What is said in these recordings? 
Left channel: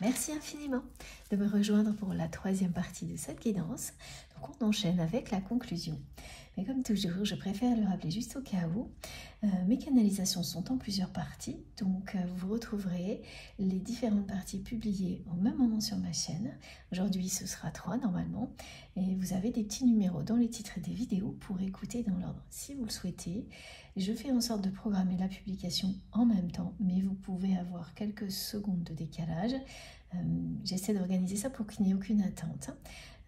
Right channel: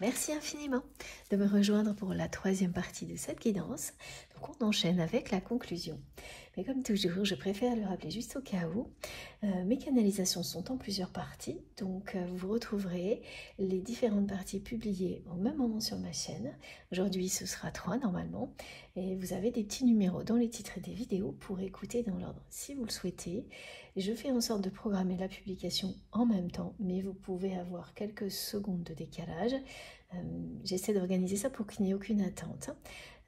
Merci infiniment de me rejoindre pour la troisième partie de cette guidance. Donc on enchaîne avec la conclusion. Mais comme toujours, je préfère le rappeler juste au cas où. Mes canalisations sont en plusieurs parties, donc vous retrouverez les différentes parties publiées au même moment sur ma chaîne. Aujourd'hui, ce sera 3 normalement, et vous avez des petits numéros dans les titres des vidéos pour écouter dans l'ordre si vous le souhaitez. Je fais en sorte de programmer la publication en même temps, mais vous pouvez avoir quelques secondes de décalage. J'essaie d'organiser ça pour qu'il n'y ait aucune attente.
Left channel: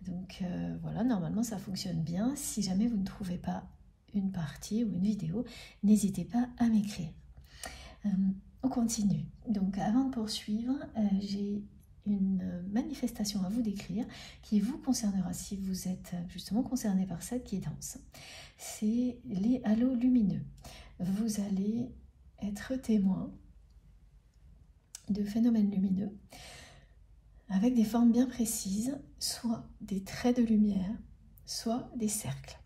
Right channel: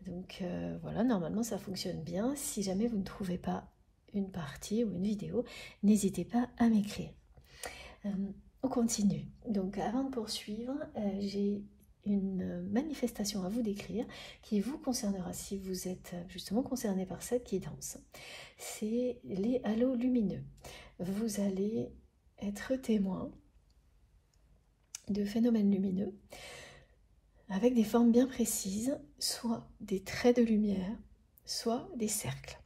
Donc voilà, normalement ça fonctionne bien. Si jamais vous ne trouvez pas une partie ou une vidéo, n'hésitez pas à m'écrire. On continue. Donc avant de poursuivre, j'ai une manifestation à vous décrire qui vous concernera si vous êtes justement concerné par cette guidance. C'est les halos lumineux. Vous allez être témoin de phénomènes lumineux avec des formes bien précises, soit des traits de lumière, soit des cercles.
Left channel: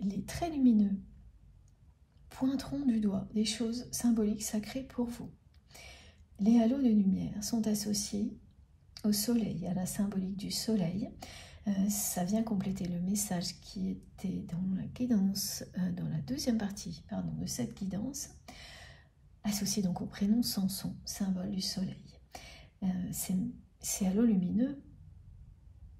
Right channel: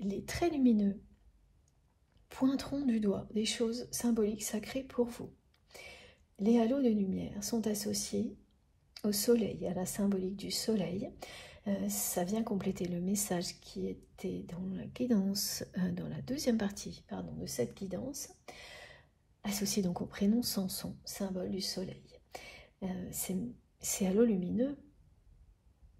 Les traits lumineux pointeront du doigt des choses symboliques sacrées pour vous. Les halos de lumière sont associés au soleil, à la symbolique du soleil. Ça vient compléter le message qui était dans la guidance, dans la deuxième partie de cette guidance, associé donc au prénom Samson, symbole du soleil. Ces halos lumineux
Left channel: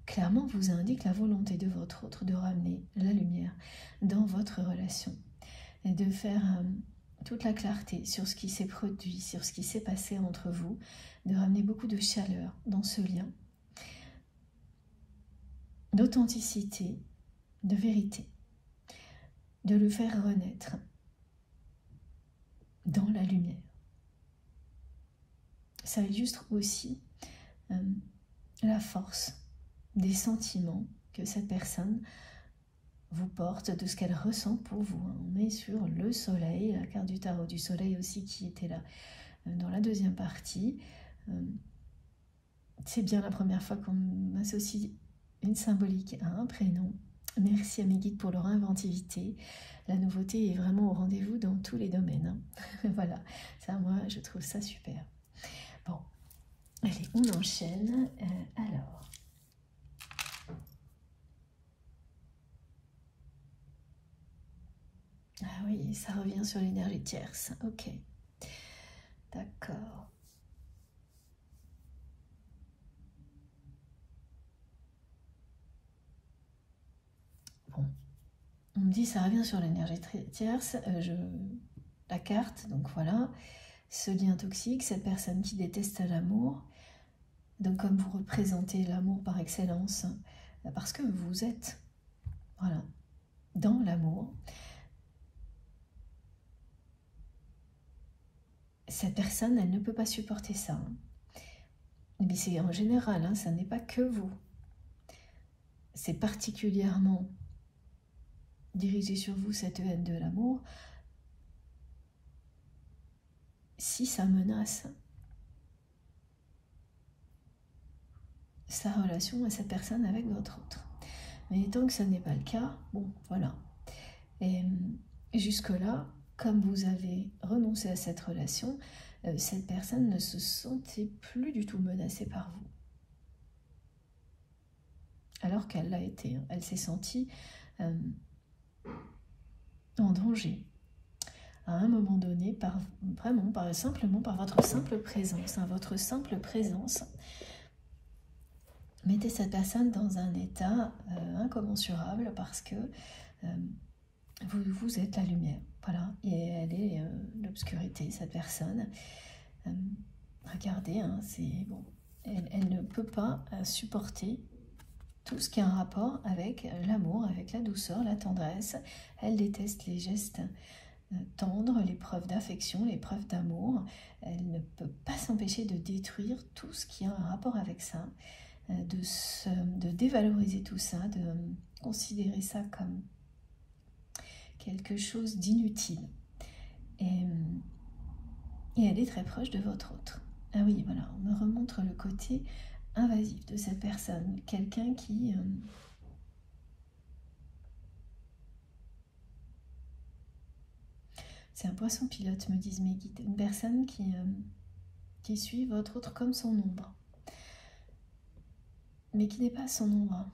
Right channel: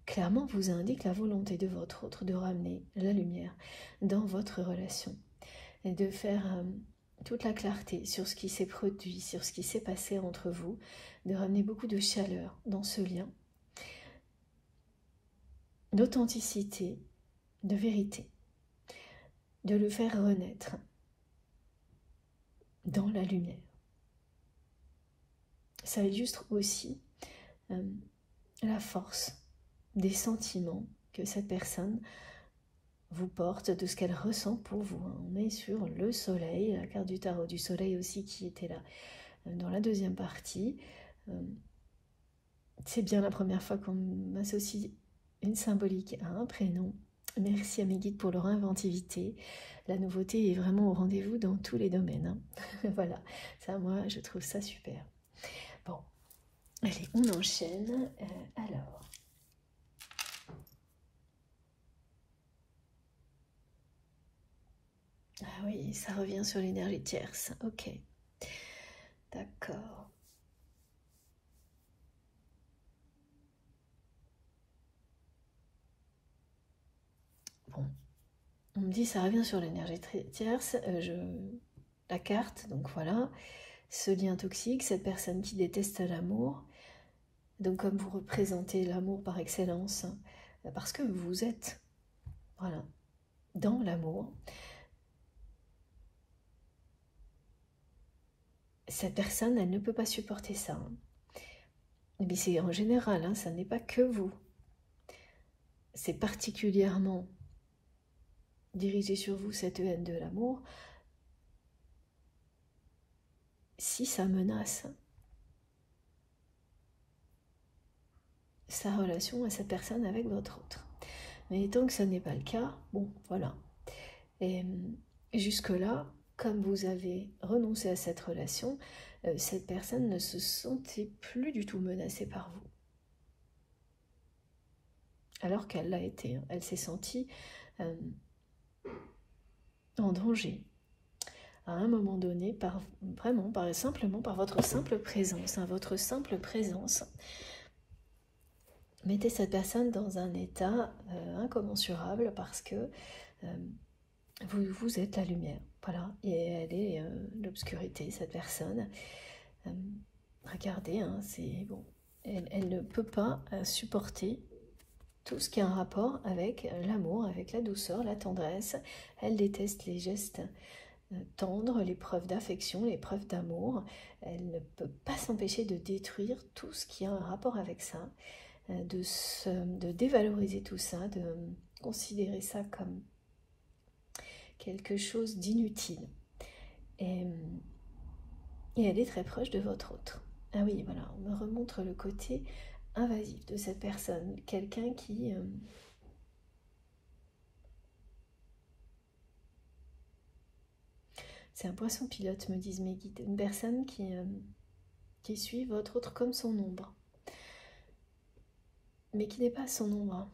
clairement vous indiquent la volonté de votre autre de ramener la lumière dans votre relation et de faire toute la clarté sur ce qui s'est produit, sur ce qui s'est passé entre vous, de ramener beaucoup de chaleur dans ce lien, d'authenticité, de vérité, de le faire renaître dans la lumière. Ça illustre aussi la force des sentiments que cette personne vous porte, de ce qu'elle ressent pour vous. On est sur le soleil, la carte du tarot du soleil aussi qui était là dans la deuxième partie. C'est bien la première fois qu'on m'associe une symbolique à un prénom. Merci à mes guides pour leur inventivité. La nouveauté est vraiment au rendez-vous dans tous les domaines. Voilà, ça moi je trouve ça super. Bon, allez, on enchaîne. Alors, ah oui, ça revient sur l'énergie tierce. Ok, d'accord. Bon, on me dit ça revient sur l'énergie tierce. La carte, donc voilà, ce lien toxique, cette personne qui déteste l'amour. Donc comme vous représentez l'amour par excellence, parce que vous êtes, voilà, dans l'amour, cette personne, elle ne peut pas supporter ça. Mais c'est en général, hein, ça n'est pas que vous. C'est particulièrement dirigé sur vous, cette haine de l'amour, si ça menace sa relation à cette personne avec votre autre. Mais tant que ça n'est pas le cas, bon, voilà. Et jusque-là, comme vous avez renoncé à cette relation, cette personne ne se sentait plus du tout menacée par vous. Alors qu'elle l'a été, hein. Elle s'est sentie en danger à un moment donné, simplement par votre simple présence, hein, votre simple présence mettez cette personne dans un état incommensurable parce que vous êtes la lumière, voilà, et elle est l'obscurité, cette personne. Regardez, hein, c'est bon, elle ne peut pas supporter tout ce qui est en rapport avec l'amour, avec la douceur, la tendresse. Elle déteste les gestes tendres, les preuves d'affection, les preuves d'amour. Elle ne peut pas s'empêcher de détruire tout ce qui a un rapport avec ça, de dévaloriser tout ça, de considérer ça comme quelque chose d'inutile. Et elle est très proche de votre autre. Ah oui, voilà, on me remontre le côté invasif de cette personne, quelqu'un qui c'est un poisson pilote, me disent mes guides, une personne qui qui suit votre autre comme son ombre, mais qui n'est pas son ombre.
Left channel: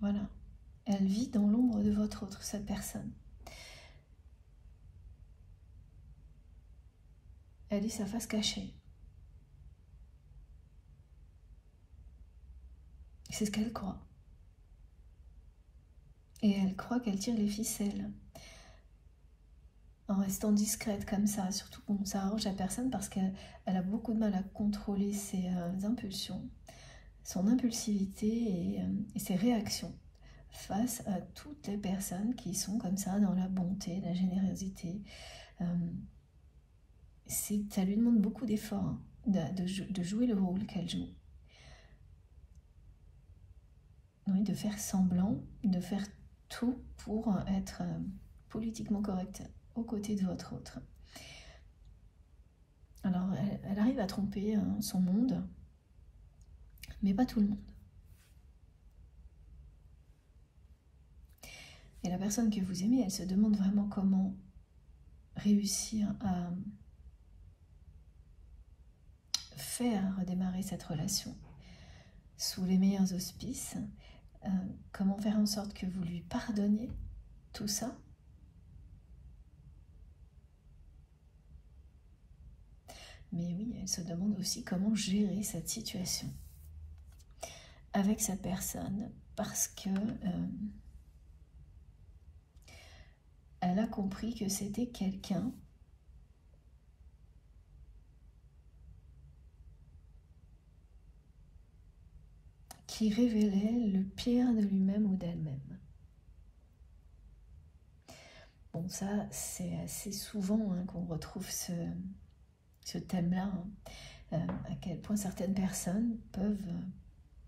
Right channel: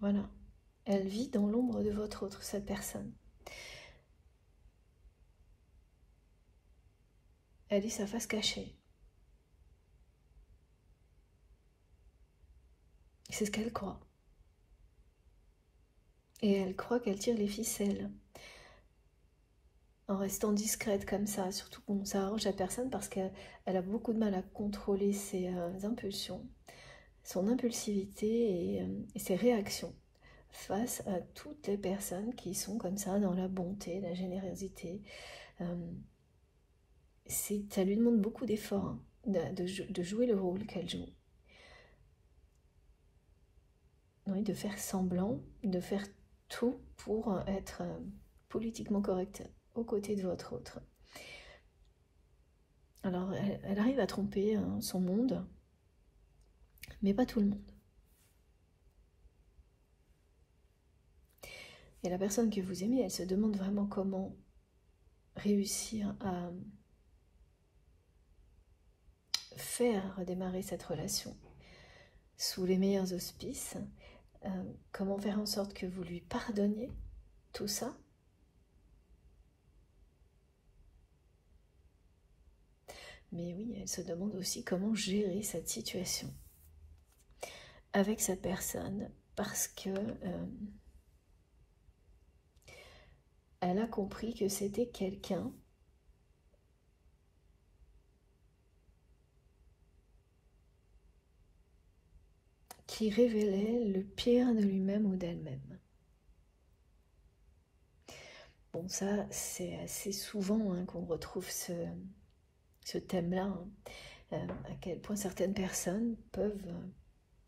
Voilà, elle vit dans l'ombre de votre autre, cette personne. Elle est sa face cachée. C'est ce qu'elle croit. Et elle croit qu'elle tire les ficelles. En restant discrète comme ça, surtout qu'on s'arrange à personne parce qu'elle a beaucoup de mal à contrôler ses impulsions, son impulsivité et ses réactions face à toutes les personnes qui sont comme ça dans la bonté, la générosité. Ça lui demande beaucoup d'efforts hein, de jouer le rôle qu'elle joue. Oui, de faire semblant, de faire tout pour être politiquement correcte aux côtés de votre autre. Alors, elle arrive à tromper hein, son monde, mais pas tout le monde. Et la personne que vous aimez, elle se demande vraiment comment réussir à faire redémarrer cette relation sous les meilleurs auspices, comment faire en sorte que vous lui pardonniez tout ça. Mais oui, elle se demande aussi comment gérer cette situation avec cette personne parce que elle a compris que c'était quelqu'un qui révélait le pire de lui-même ou d'elle-même. Bon, ça, c'est assez souvent hein, qu'on retrouve ce thème-là, hein, à quel point certaines personnes peuvent,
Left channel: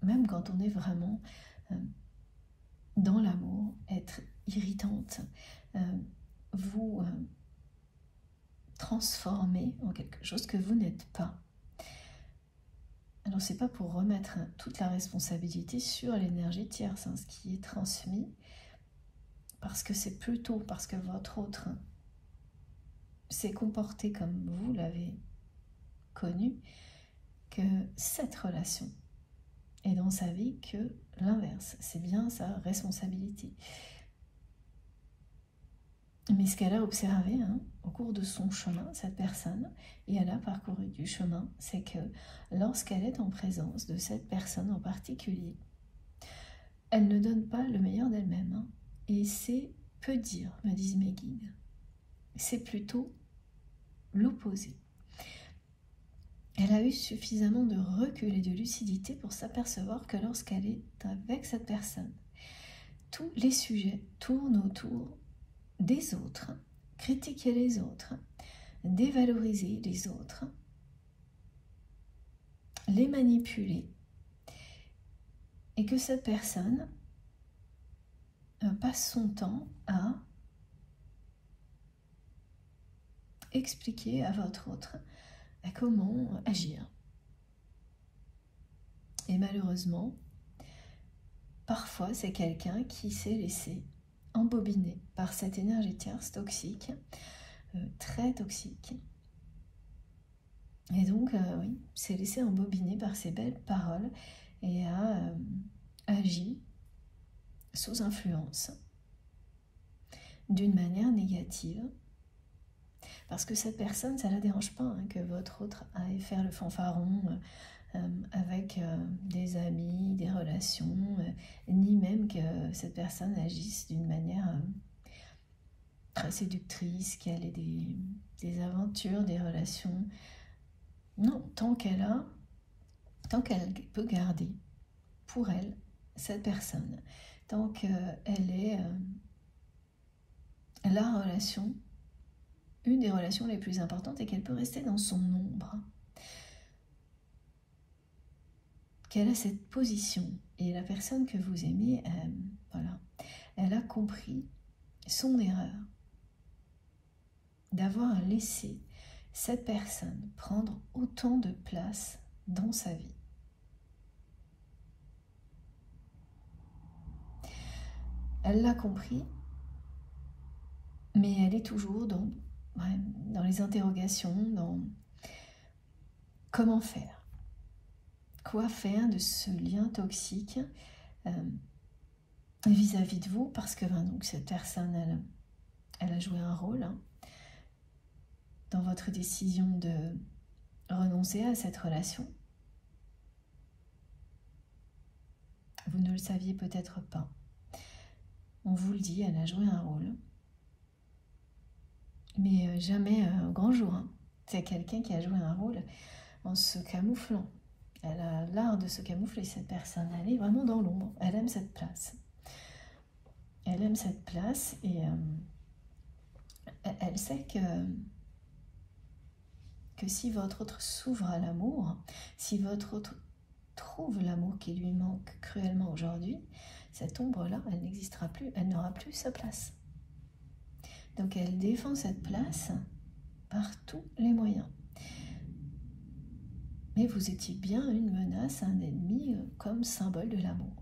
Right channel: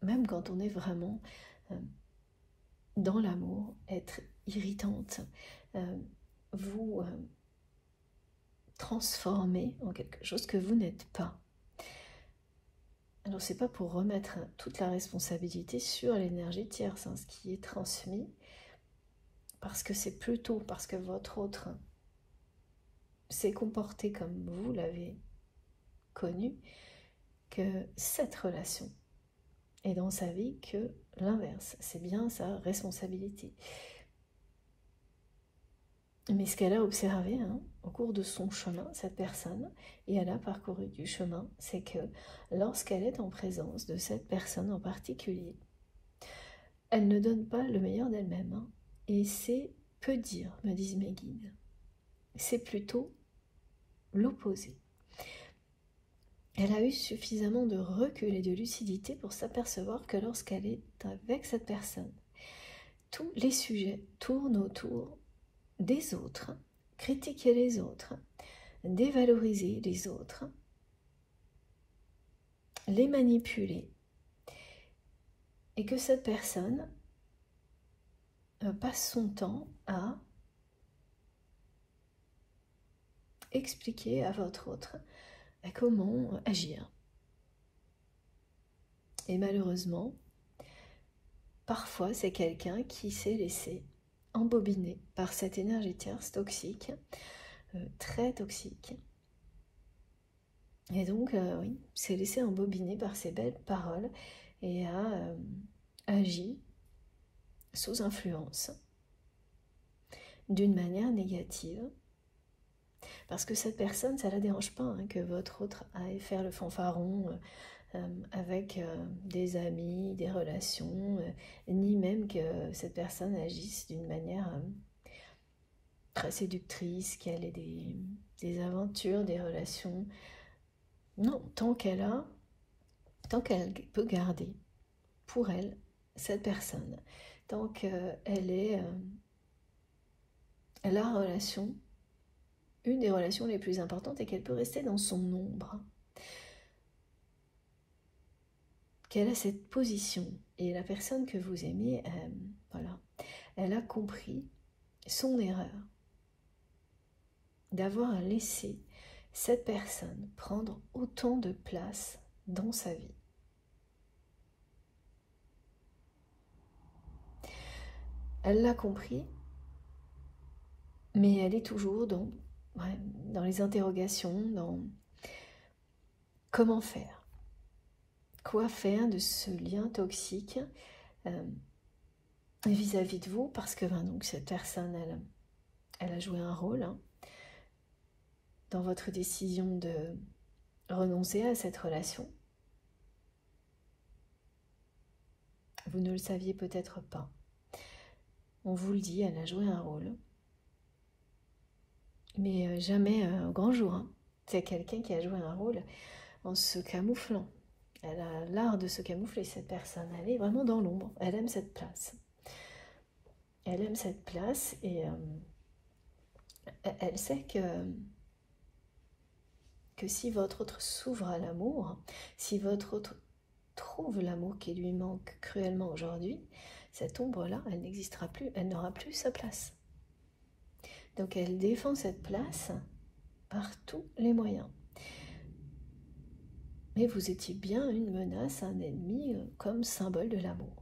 même quand on est vraiment dans l'amour, être irritantes, vous transformer en quelque chose que vous n'êtes pas. Alors, c'est pas pour remettre toute la responsabilité sur l'énergie tierce, hein, ce qui est transmis, parce que c'est plutôt parce que votre autre s'est comporté comme vous l'avez connu, que cette relation est dans sa vie que l'inverse. C'est bien sa responsabilité. Mais ce qu'elle a observé hein, au cours de son chemin, cette personne, et elle a parcouru du chemin, c'est que lorsqu'elle est en présence de cette personne en particulier, elle ne donne pas le meilleur d'elle-même. Hein, et c'est peu dire, me disent mes guides. C'est plutôt l'opposé. Elle a eu suffisamment de recul et de lucidité pour s'apercevoir que lorsqu'elle est avec cette personne, tous les sujets tournent autour des autres, critiquer les autres, dévaloriser les autres, les manipuler, et que cette personne passe son temps à expliquer à votre autre comment agir. Et malheureusement, parfois c'est quelqu'un qui s'est laissé embobiner par cette énergie tierce toxique, très toxique. Et donc, oui, s'est laissé embobiner par ces belles paroles et a agi sous influence d'une manière négative. Parce que cette personne, ça ne la dérange pas hein, que votre autre aille faire le fanfaron avec des amis, des relations, ni même que cette personne agisse d'une manière très séductrice, qu'elle ait des aventures, des relations. Non, tant qu'elle peut garder pour elle cette personne, tant qu'elle est la relation, une des relations les plus importantes, et qu'elle peut rester dans son ombre, qu'elle a cette position, et la personne que vous aimez, voilà, elle a compris son erreur d'avoir laissé cette personne prendre autant de place dans sa vie. Elle l'a compris, mais elle est toujours dans les interrogations, comment faire? Quoi faire de ce lien toxique vis-à-vis de vous? Parce que donc, cette personne, elle a joué un rôle hein, dans votre décision de renoncer à cette relation. Vous ne le saviez peut-être pas. On vous le dit, elle a joué un rôle. Mais jamais au grand jour. Hein. C'est quelqu'un qui a joué un rôle en se camouflant. Elle a l'art de se camoufler, cette personne. Elle est vraiment dans l'ombre. Elle aime cette place. Elle aime cette place et elle sait que si votre autre s'ouvre à l'amour, si votre autre trouve l'amour qui lui manque cruellement aujourd'hui, cette ombre-là, elle n'existera plus, elle n'aura plus sa place. Donc elle défend cette place par tous les moyens. Mais vous étiez bien une menace, un ennemi, comme symbole de l'amour.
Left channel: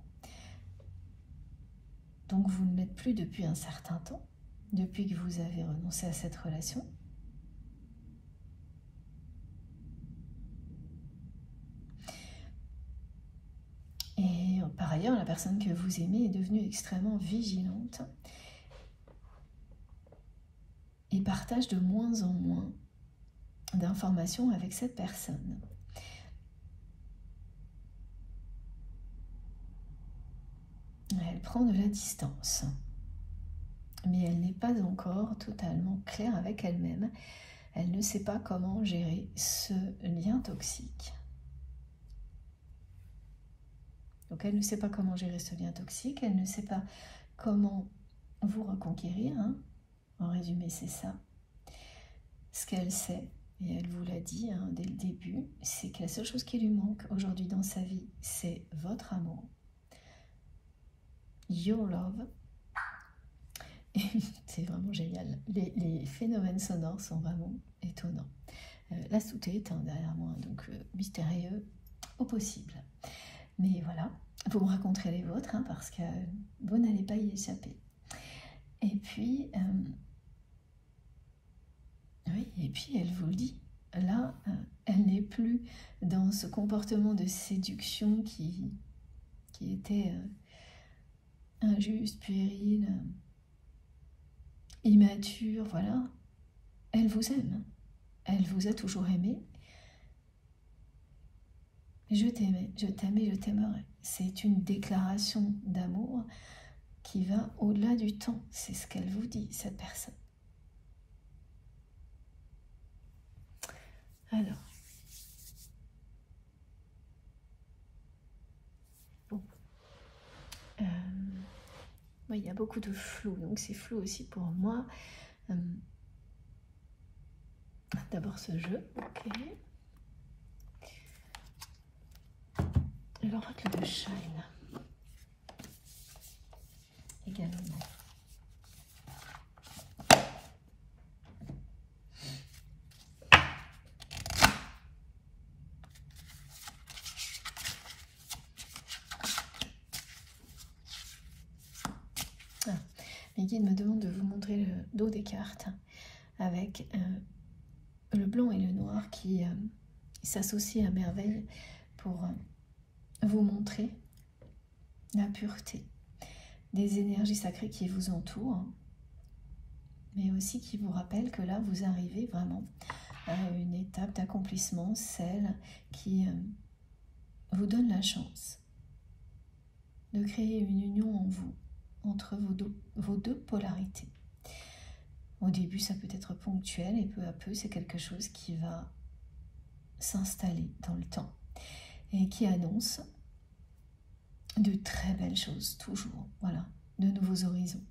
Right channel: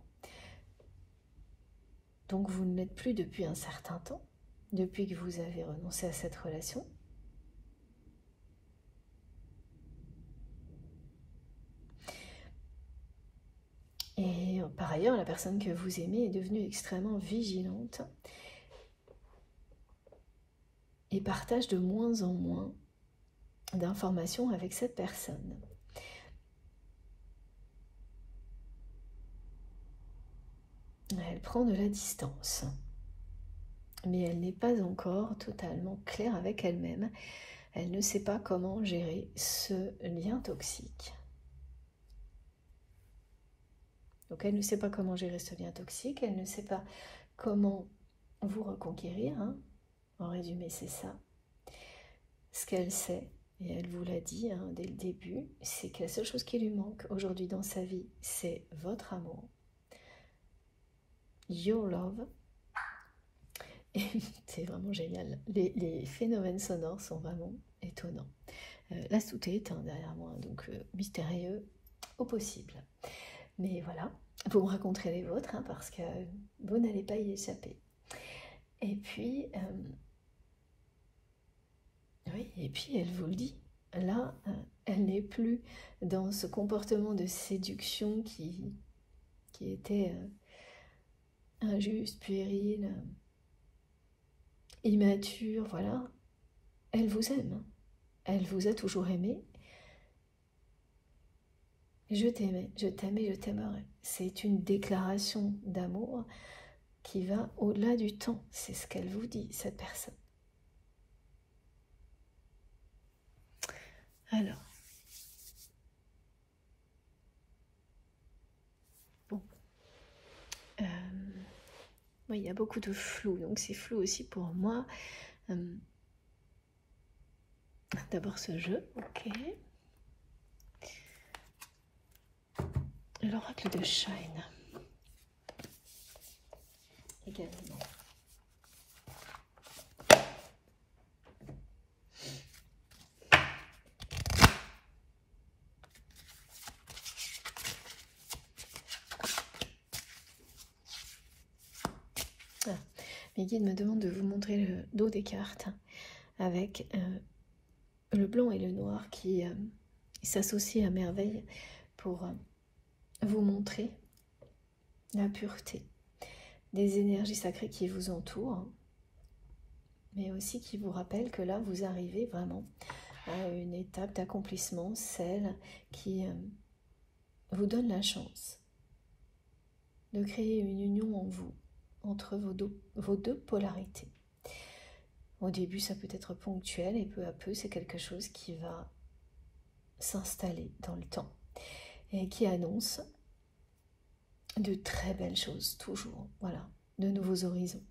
Donc vous ne l'êtes plus depuis un certain temps, depuis que vous avez renoncé à cette relation. Et par ailleurs, la personne que vous aimez est devenue extrêmement vigilante et partage de moins en moins d'informations avec cette personne. Elle prend de la distance, mais elle n'est pas encore totalement claire avec elle-même. Elle ne sait pas comment gérer ce lien toxique. Donc elle ne sait pas comment gérer ce lien toxique, elle ne sait pas comment vous reconquérir. Hein. En résumé, c'est ça. Ce qu'elle sait, et elle vous l'a dit hein, dès le début, c'est que la seule chose qui lui manque aujourd'hui dans sa vie, c'est votre amour. Your love. C'est vraiment génial. Les phénomènes sonores sont vraiment étonnants. La sous-tête hein, derrière moi, donc mystérieux au possible. Mais voilà, vous me raconterez les vôtres, hein, parce que vous n'allez pas y échapper. Et puis, oui, et puis elle vous le dit. Là, elle n'est plus dans ce comportement de séduction qui était injuste, puéril, immature, voilà. Elle vous aime. Elle vous a toujours aimé. Je t'aimais, je t'aime et je t'aimerai. C'est une déclaration d'amour qui va au-delà du temps. C'est ce qu'elle vous dit, cette personne. Alors, bon, oui, il y a beaucoup de flou, donc c'est flou aussi pour moi. D'abord ce jeu, ok. L'oracle de Shine, également. Les guides me demandent de vous montrer le dos des cartes avec le blanc et le noir qui s'associent à merveille pour vous montrer la pureté des énergies sacrées qui vous entourent, mais aussi qui vous rappellent que là, vous arrivez vraiment à une étape d'accomplissement, celle qui vous donne la chance de créer une union en vous, entre vos deux polarités. Au début, ça peut être ponctuel et peu à peu, c'est quelque chose qui va s'installer dans le temps et qui annonce de très belles choses, toujours, voilà, de nouveaux horizons.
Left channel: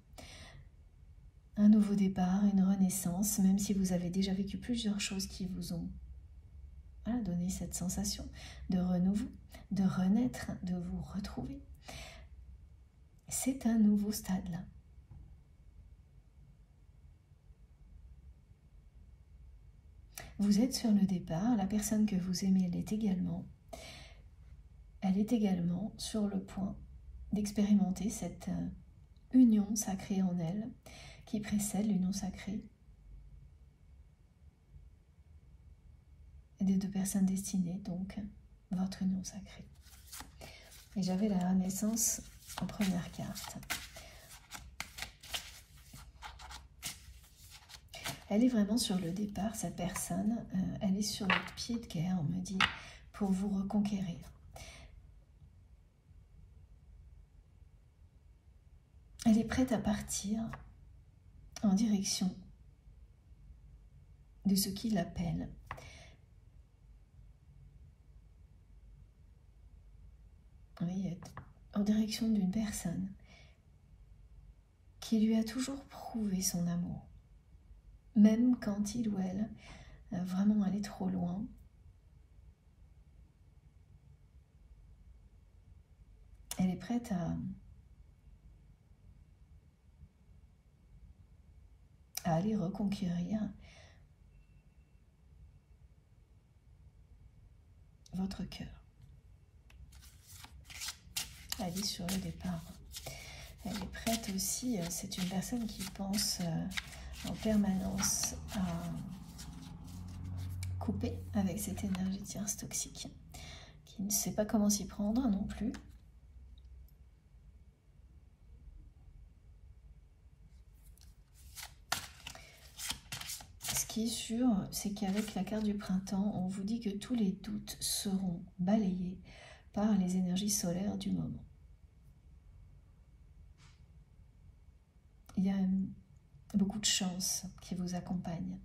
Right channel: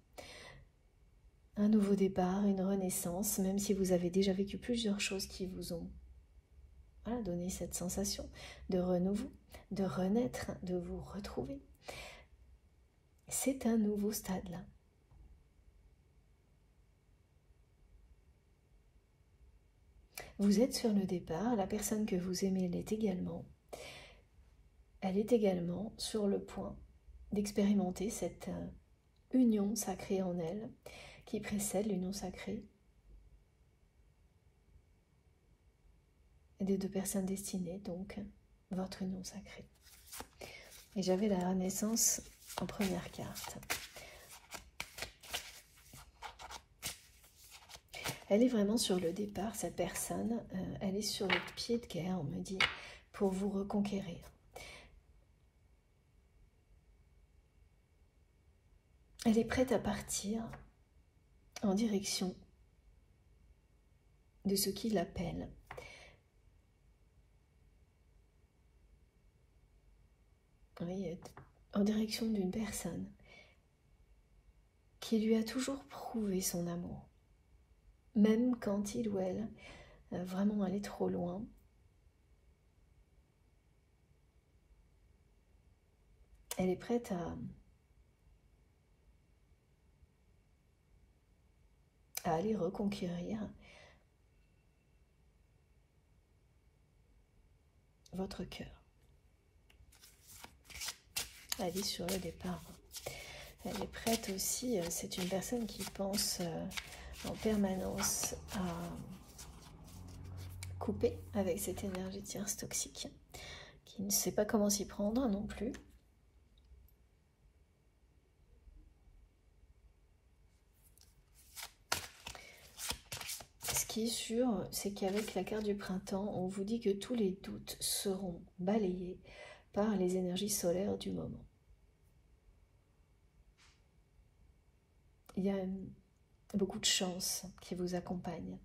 Un nouveau départ, une renaissance, même si vous avez déjà vécu plusieurs choses qui vous ont donné cette sensation de renouveau, de renaître, de vous retrouver. C'est un nouveau stade là. Vous êtes sur le départ, la personne que vous aimez l'est également. Elle est également sur le point d'expérimenter cette union sacrée en elle qui précède l'union sacrée des deux personnes destinées, donc votre union sacrée. Et j'avais la renaissance en première carte. Elle est vraiment sur le départ, cette personne. Elle est sur le pied de guerre, on me dit, pour vous reconquérir. Elle est prête à partir en direction de ce qui l'appelle. Oui, en direction d'une personne qui lui a toujours prouvé son amour. Même quand il ou elle vraiment allait trop loin. Elle est prête à aller reconquérir votre cœur. Elle est sur le départ. Elle est prête aussi, c'est une personne qui pense en permanence à couper avec cette énergie tierce toxique, qui ne sait pas comment s'y prendre non plus. Ce qui est sûr, c'est qu'avec la carte du printemps, on vous dit que tous les doutes seront balayés par les énergies solaires du moment. Il y a beaucoup de chance qui vous accompagne.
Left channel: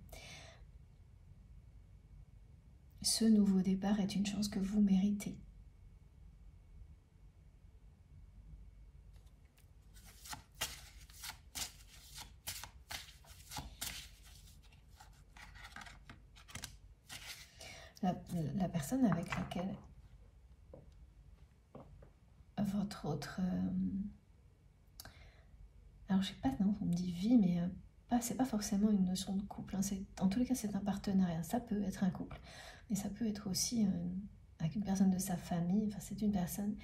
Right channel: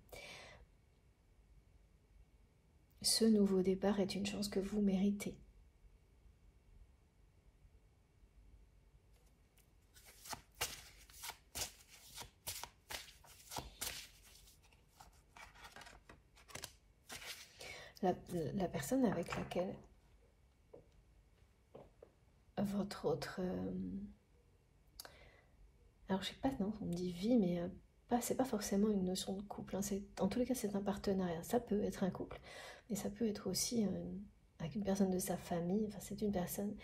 Ce nouveau départ est une chance que vous méritez. La personne avec laquelle votre autre... alors, je sais pas, non, on me dit vie, mais c'est pas forcément une notion de couple. Hein, en tous les cas, c'est un partenariat. Ça peut être un couple, mais ça peut être aussi avec une personne de sa famille. Enfin, c'est une personne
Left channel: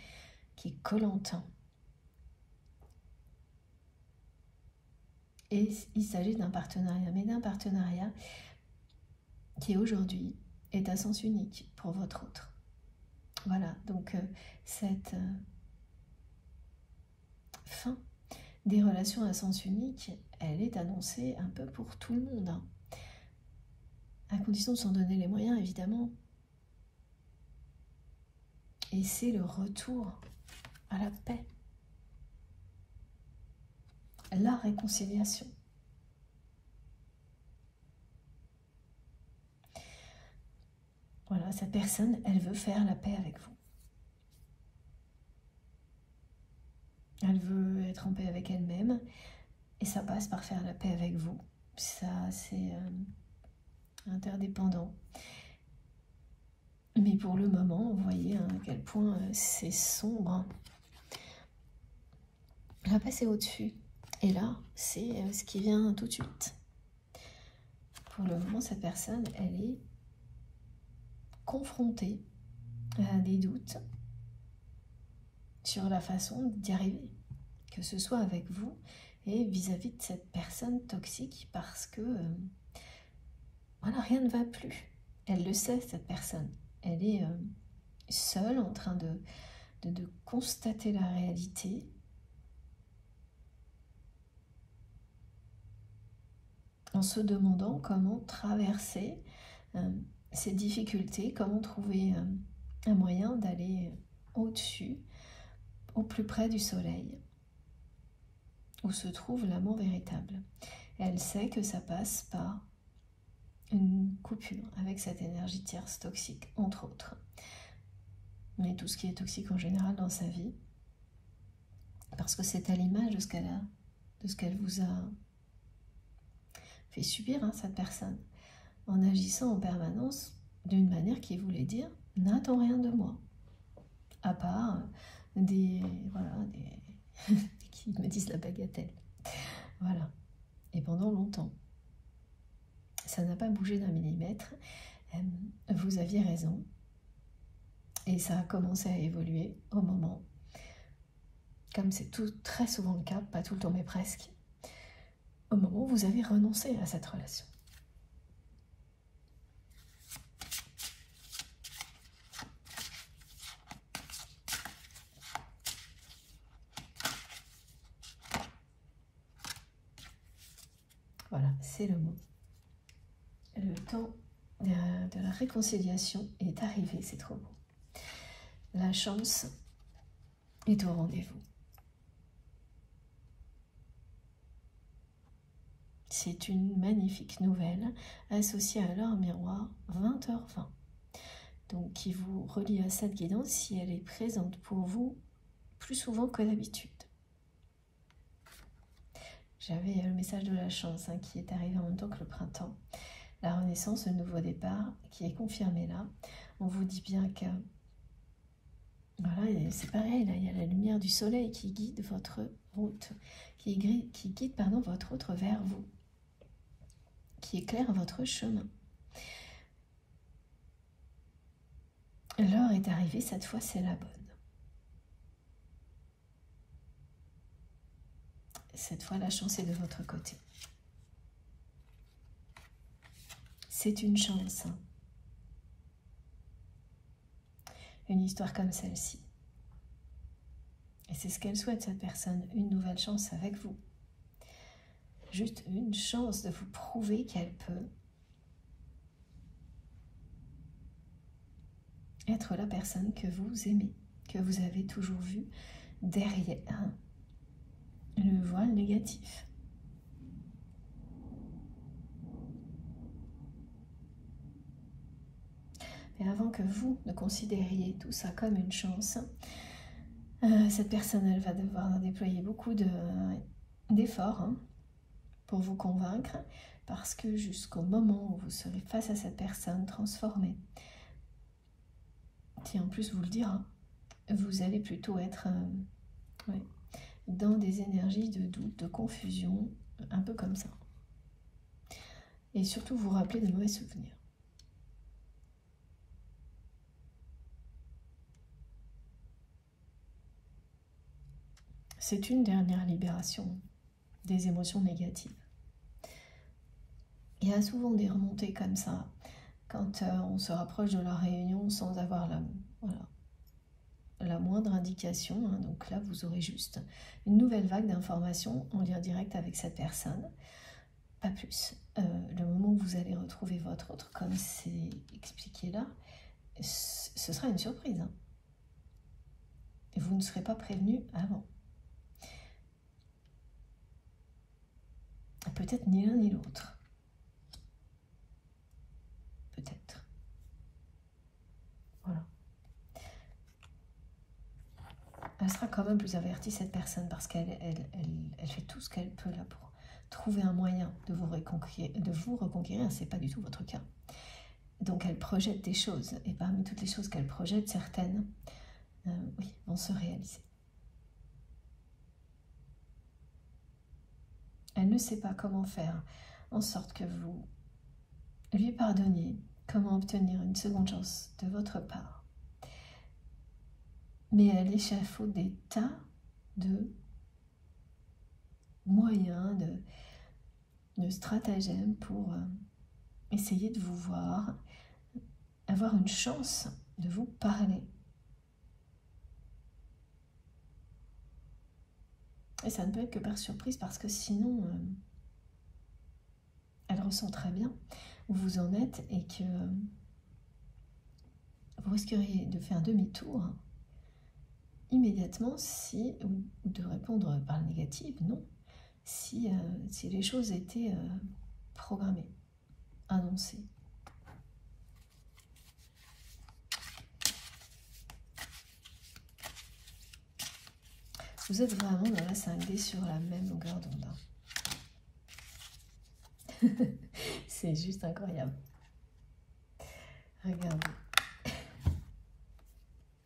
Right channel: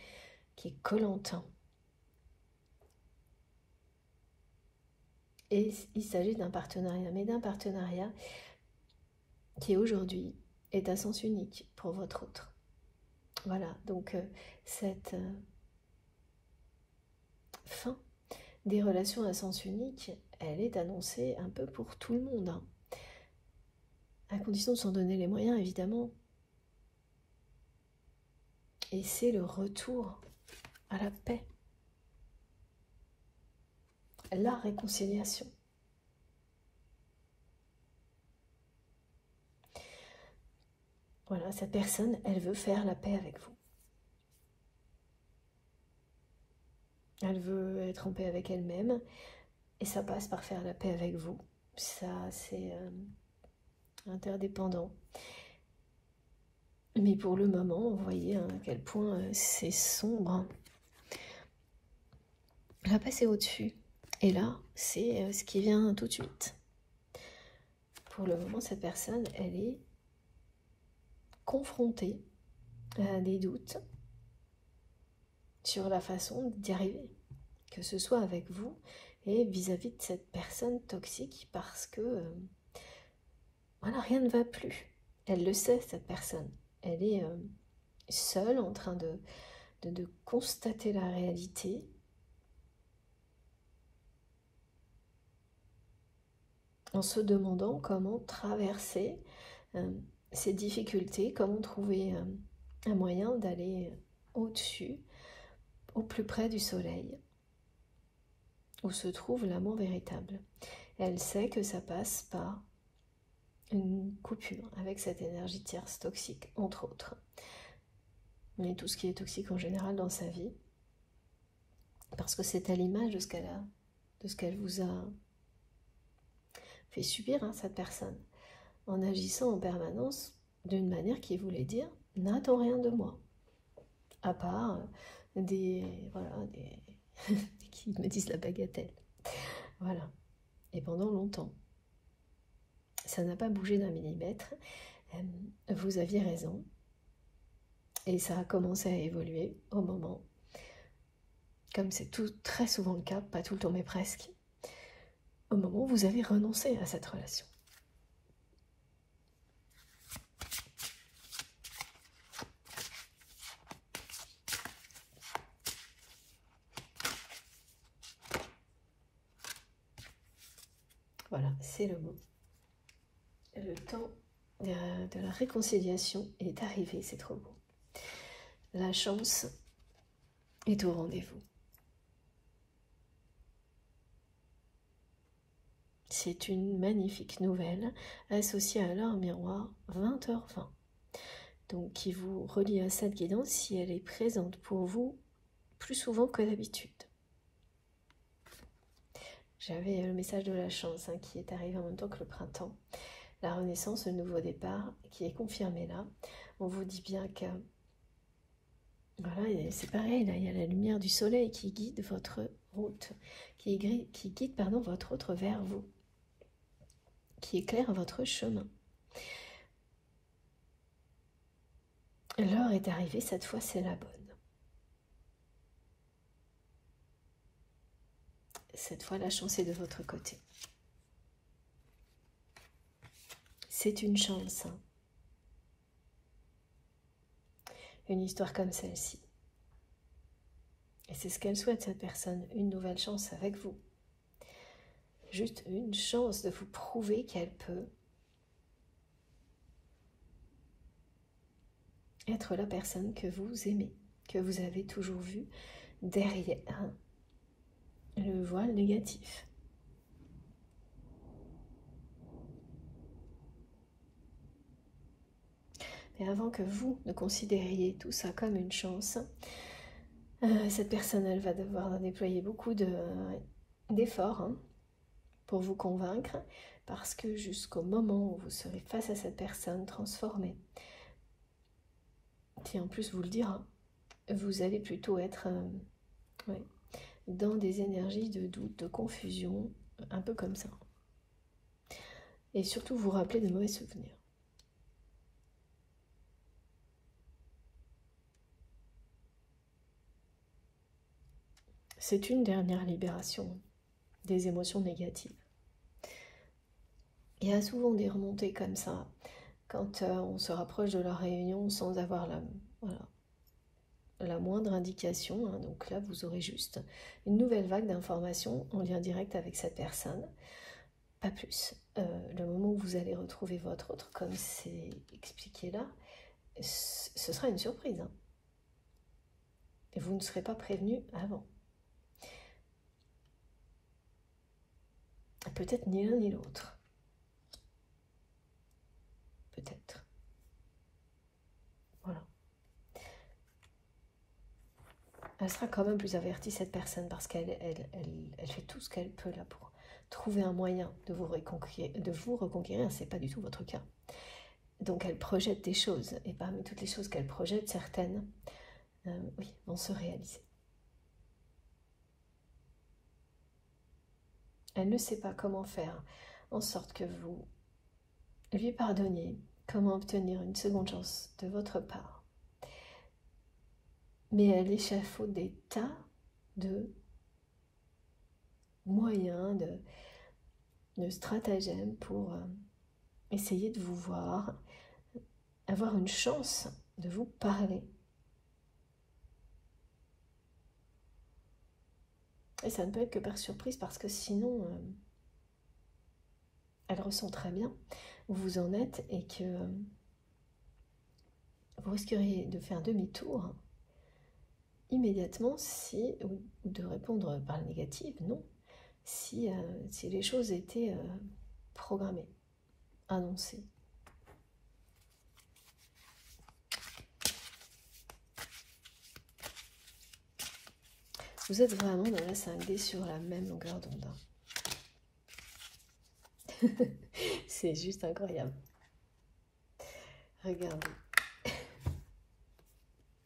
qui est collante. Et il s'agit d'un partenariat, mais d'un partenariat qui aujourd'hui est à sens unique pour votre autre. Voilà, donc cette fin des relations à sens unique, elle est annoncée un peu pour tout le monde. Hein. À condition de s'en donner les moyens, évidemment. Et c'est le retour à la paix. La réconciliation. Voilà, cette personne, elle veut faire la paix avec vous. Elle veut être en paix avec elle-même. Et ça passe par faire la paix avec vous. Ça, c'est interdépendant. Mais pour le moment, vous voyez à quel point c'est sombre. Là, passez au-dessus. Et là, c'est ce qui vient tout de suite. Pour le moment, cette personne, elle est confrontée à des doutes sur la façon d'y arriver. Que ce soit avec vous et vis-à-vis de cette personne toxique, parce que voilà, rien ne va plus. Elle le sait, cette personne. Elle est seule en train de constater la réalité. En se demandant comment traverser ces difficultés, comment trouver un moyen d'aller au-dessus, au plus près du soleil, où se trouve l'amour véritable. Elle sait que ça passe par une coupure avec cette énergie tierce toxique, entre autres. Mais tout ce qui est toxique en général dans sa vie, parce que c'est à l'image de ce qu'elle vous a fait subir, hein, cette personne, en agissant en permanence d'une manière qui voulait dire « n'attends rien de moi », à part des qui me disent la bagatelle. Voilà. Et pendant longtemps, ça n'a pas bougé d'un millimètre. Vous aviez raison. Et ça a commencé à évoluer au moment, comme c'est très souvent le cas, pas tout le temps mais presque, au moment où vous avez renoncé à cette relation. c'est le mot. Le temps de la réconciliation est arrivé, c'est trop beau. La chance est au rendez-vous. C'est une magnifique nouvelle associée à l'heure miroir 20h20. Donc qui vous relie à cette guidance si elle est présente pour vous plus souvent que d'habitude. J'avais le message de la chance qui est arrivé en même temps que le printemps. La renaissance, le nouveau départ qui est confirmé là. On vous dit bien que voilà, c'est pareil, là il y a la lumière du soleil qui guide votre route, qui guide votre route vers vous, qui éclaire votre chemin. L'heure est arrivée, cette fois c'est la bonne. Cette fois la chance est de votre côté. C'est une chance. Une histoire comme celle-ci. Et c'est ce qu'elle souhaite, cette personne, une nouvelle chance avec vous. Juste une chance de vous prouver qu'elle peut être la personne que vous aimez, que vous avez toujours vue derrière le voile négatif. Mais avant que vous ne considériez tout ça comme une chance, cette personne, elle va devoir déployer beaucoup d'efforts pour vous convaincre, parce que jusqu'au moment où vous serez face à cette personne transformée, qui en plus vous le dira, vous allez plutôt être dans des énergies de doute, de confusion, un peu comme ça. Et surtout vous rappeler de mauvais souvenirs. C'est une dernière libération des émotions négatives. Il y a souvent des remontées comme ça, quand on se rapproche de la réunion sans avoir la moindre indication. Donc là, vous aurez juste une nouvelle vague d'informations en lien direct avec cette personne, pas plus. Le moment où vous allez retrouver votre autre, comme c'est expliqué là, ce sera une surprise. Et vous ne serez pas prévenu avant. Peut-être ni l'un ni l'autre. Peut-être. Voilà. Elle sera quand même plus avertie, cette personne, parce qu'elle fait tout ce qu'elle peut là pour trouver un moyen de vous reconquérir. C'est pas du tout votre cas. Donc elle projette des choses, et parmi toutes les choses qu'elle projette, certaines, oui, vont se réaliser. Elle ne sait pas comment faire en sorte que vous lui pardonniez, comment obtenir une seconde chance de votre part. Mais elle échafaude des tas de moyens, de stratagèmes pour essayer de vous voir, avoir une chance de vous parler. Et ça ne peut être que par surprise, parce que sinon, elle ressent très bien où vous en êtes et que vous risqueriez de faire demi-tour immédiatement ou de répondre par le négatif, non, si les choses étaient programmées, annoncées. Vous êtes vraiment dans la 5D sur la même longueur d'onde. C'est juste incroyable. Regardez.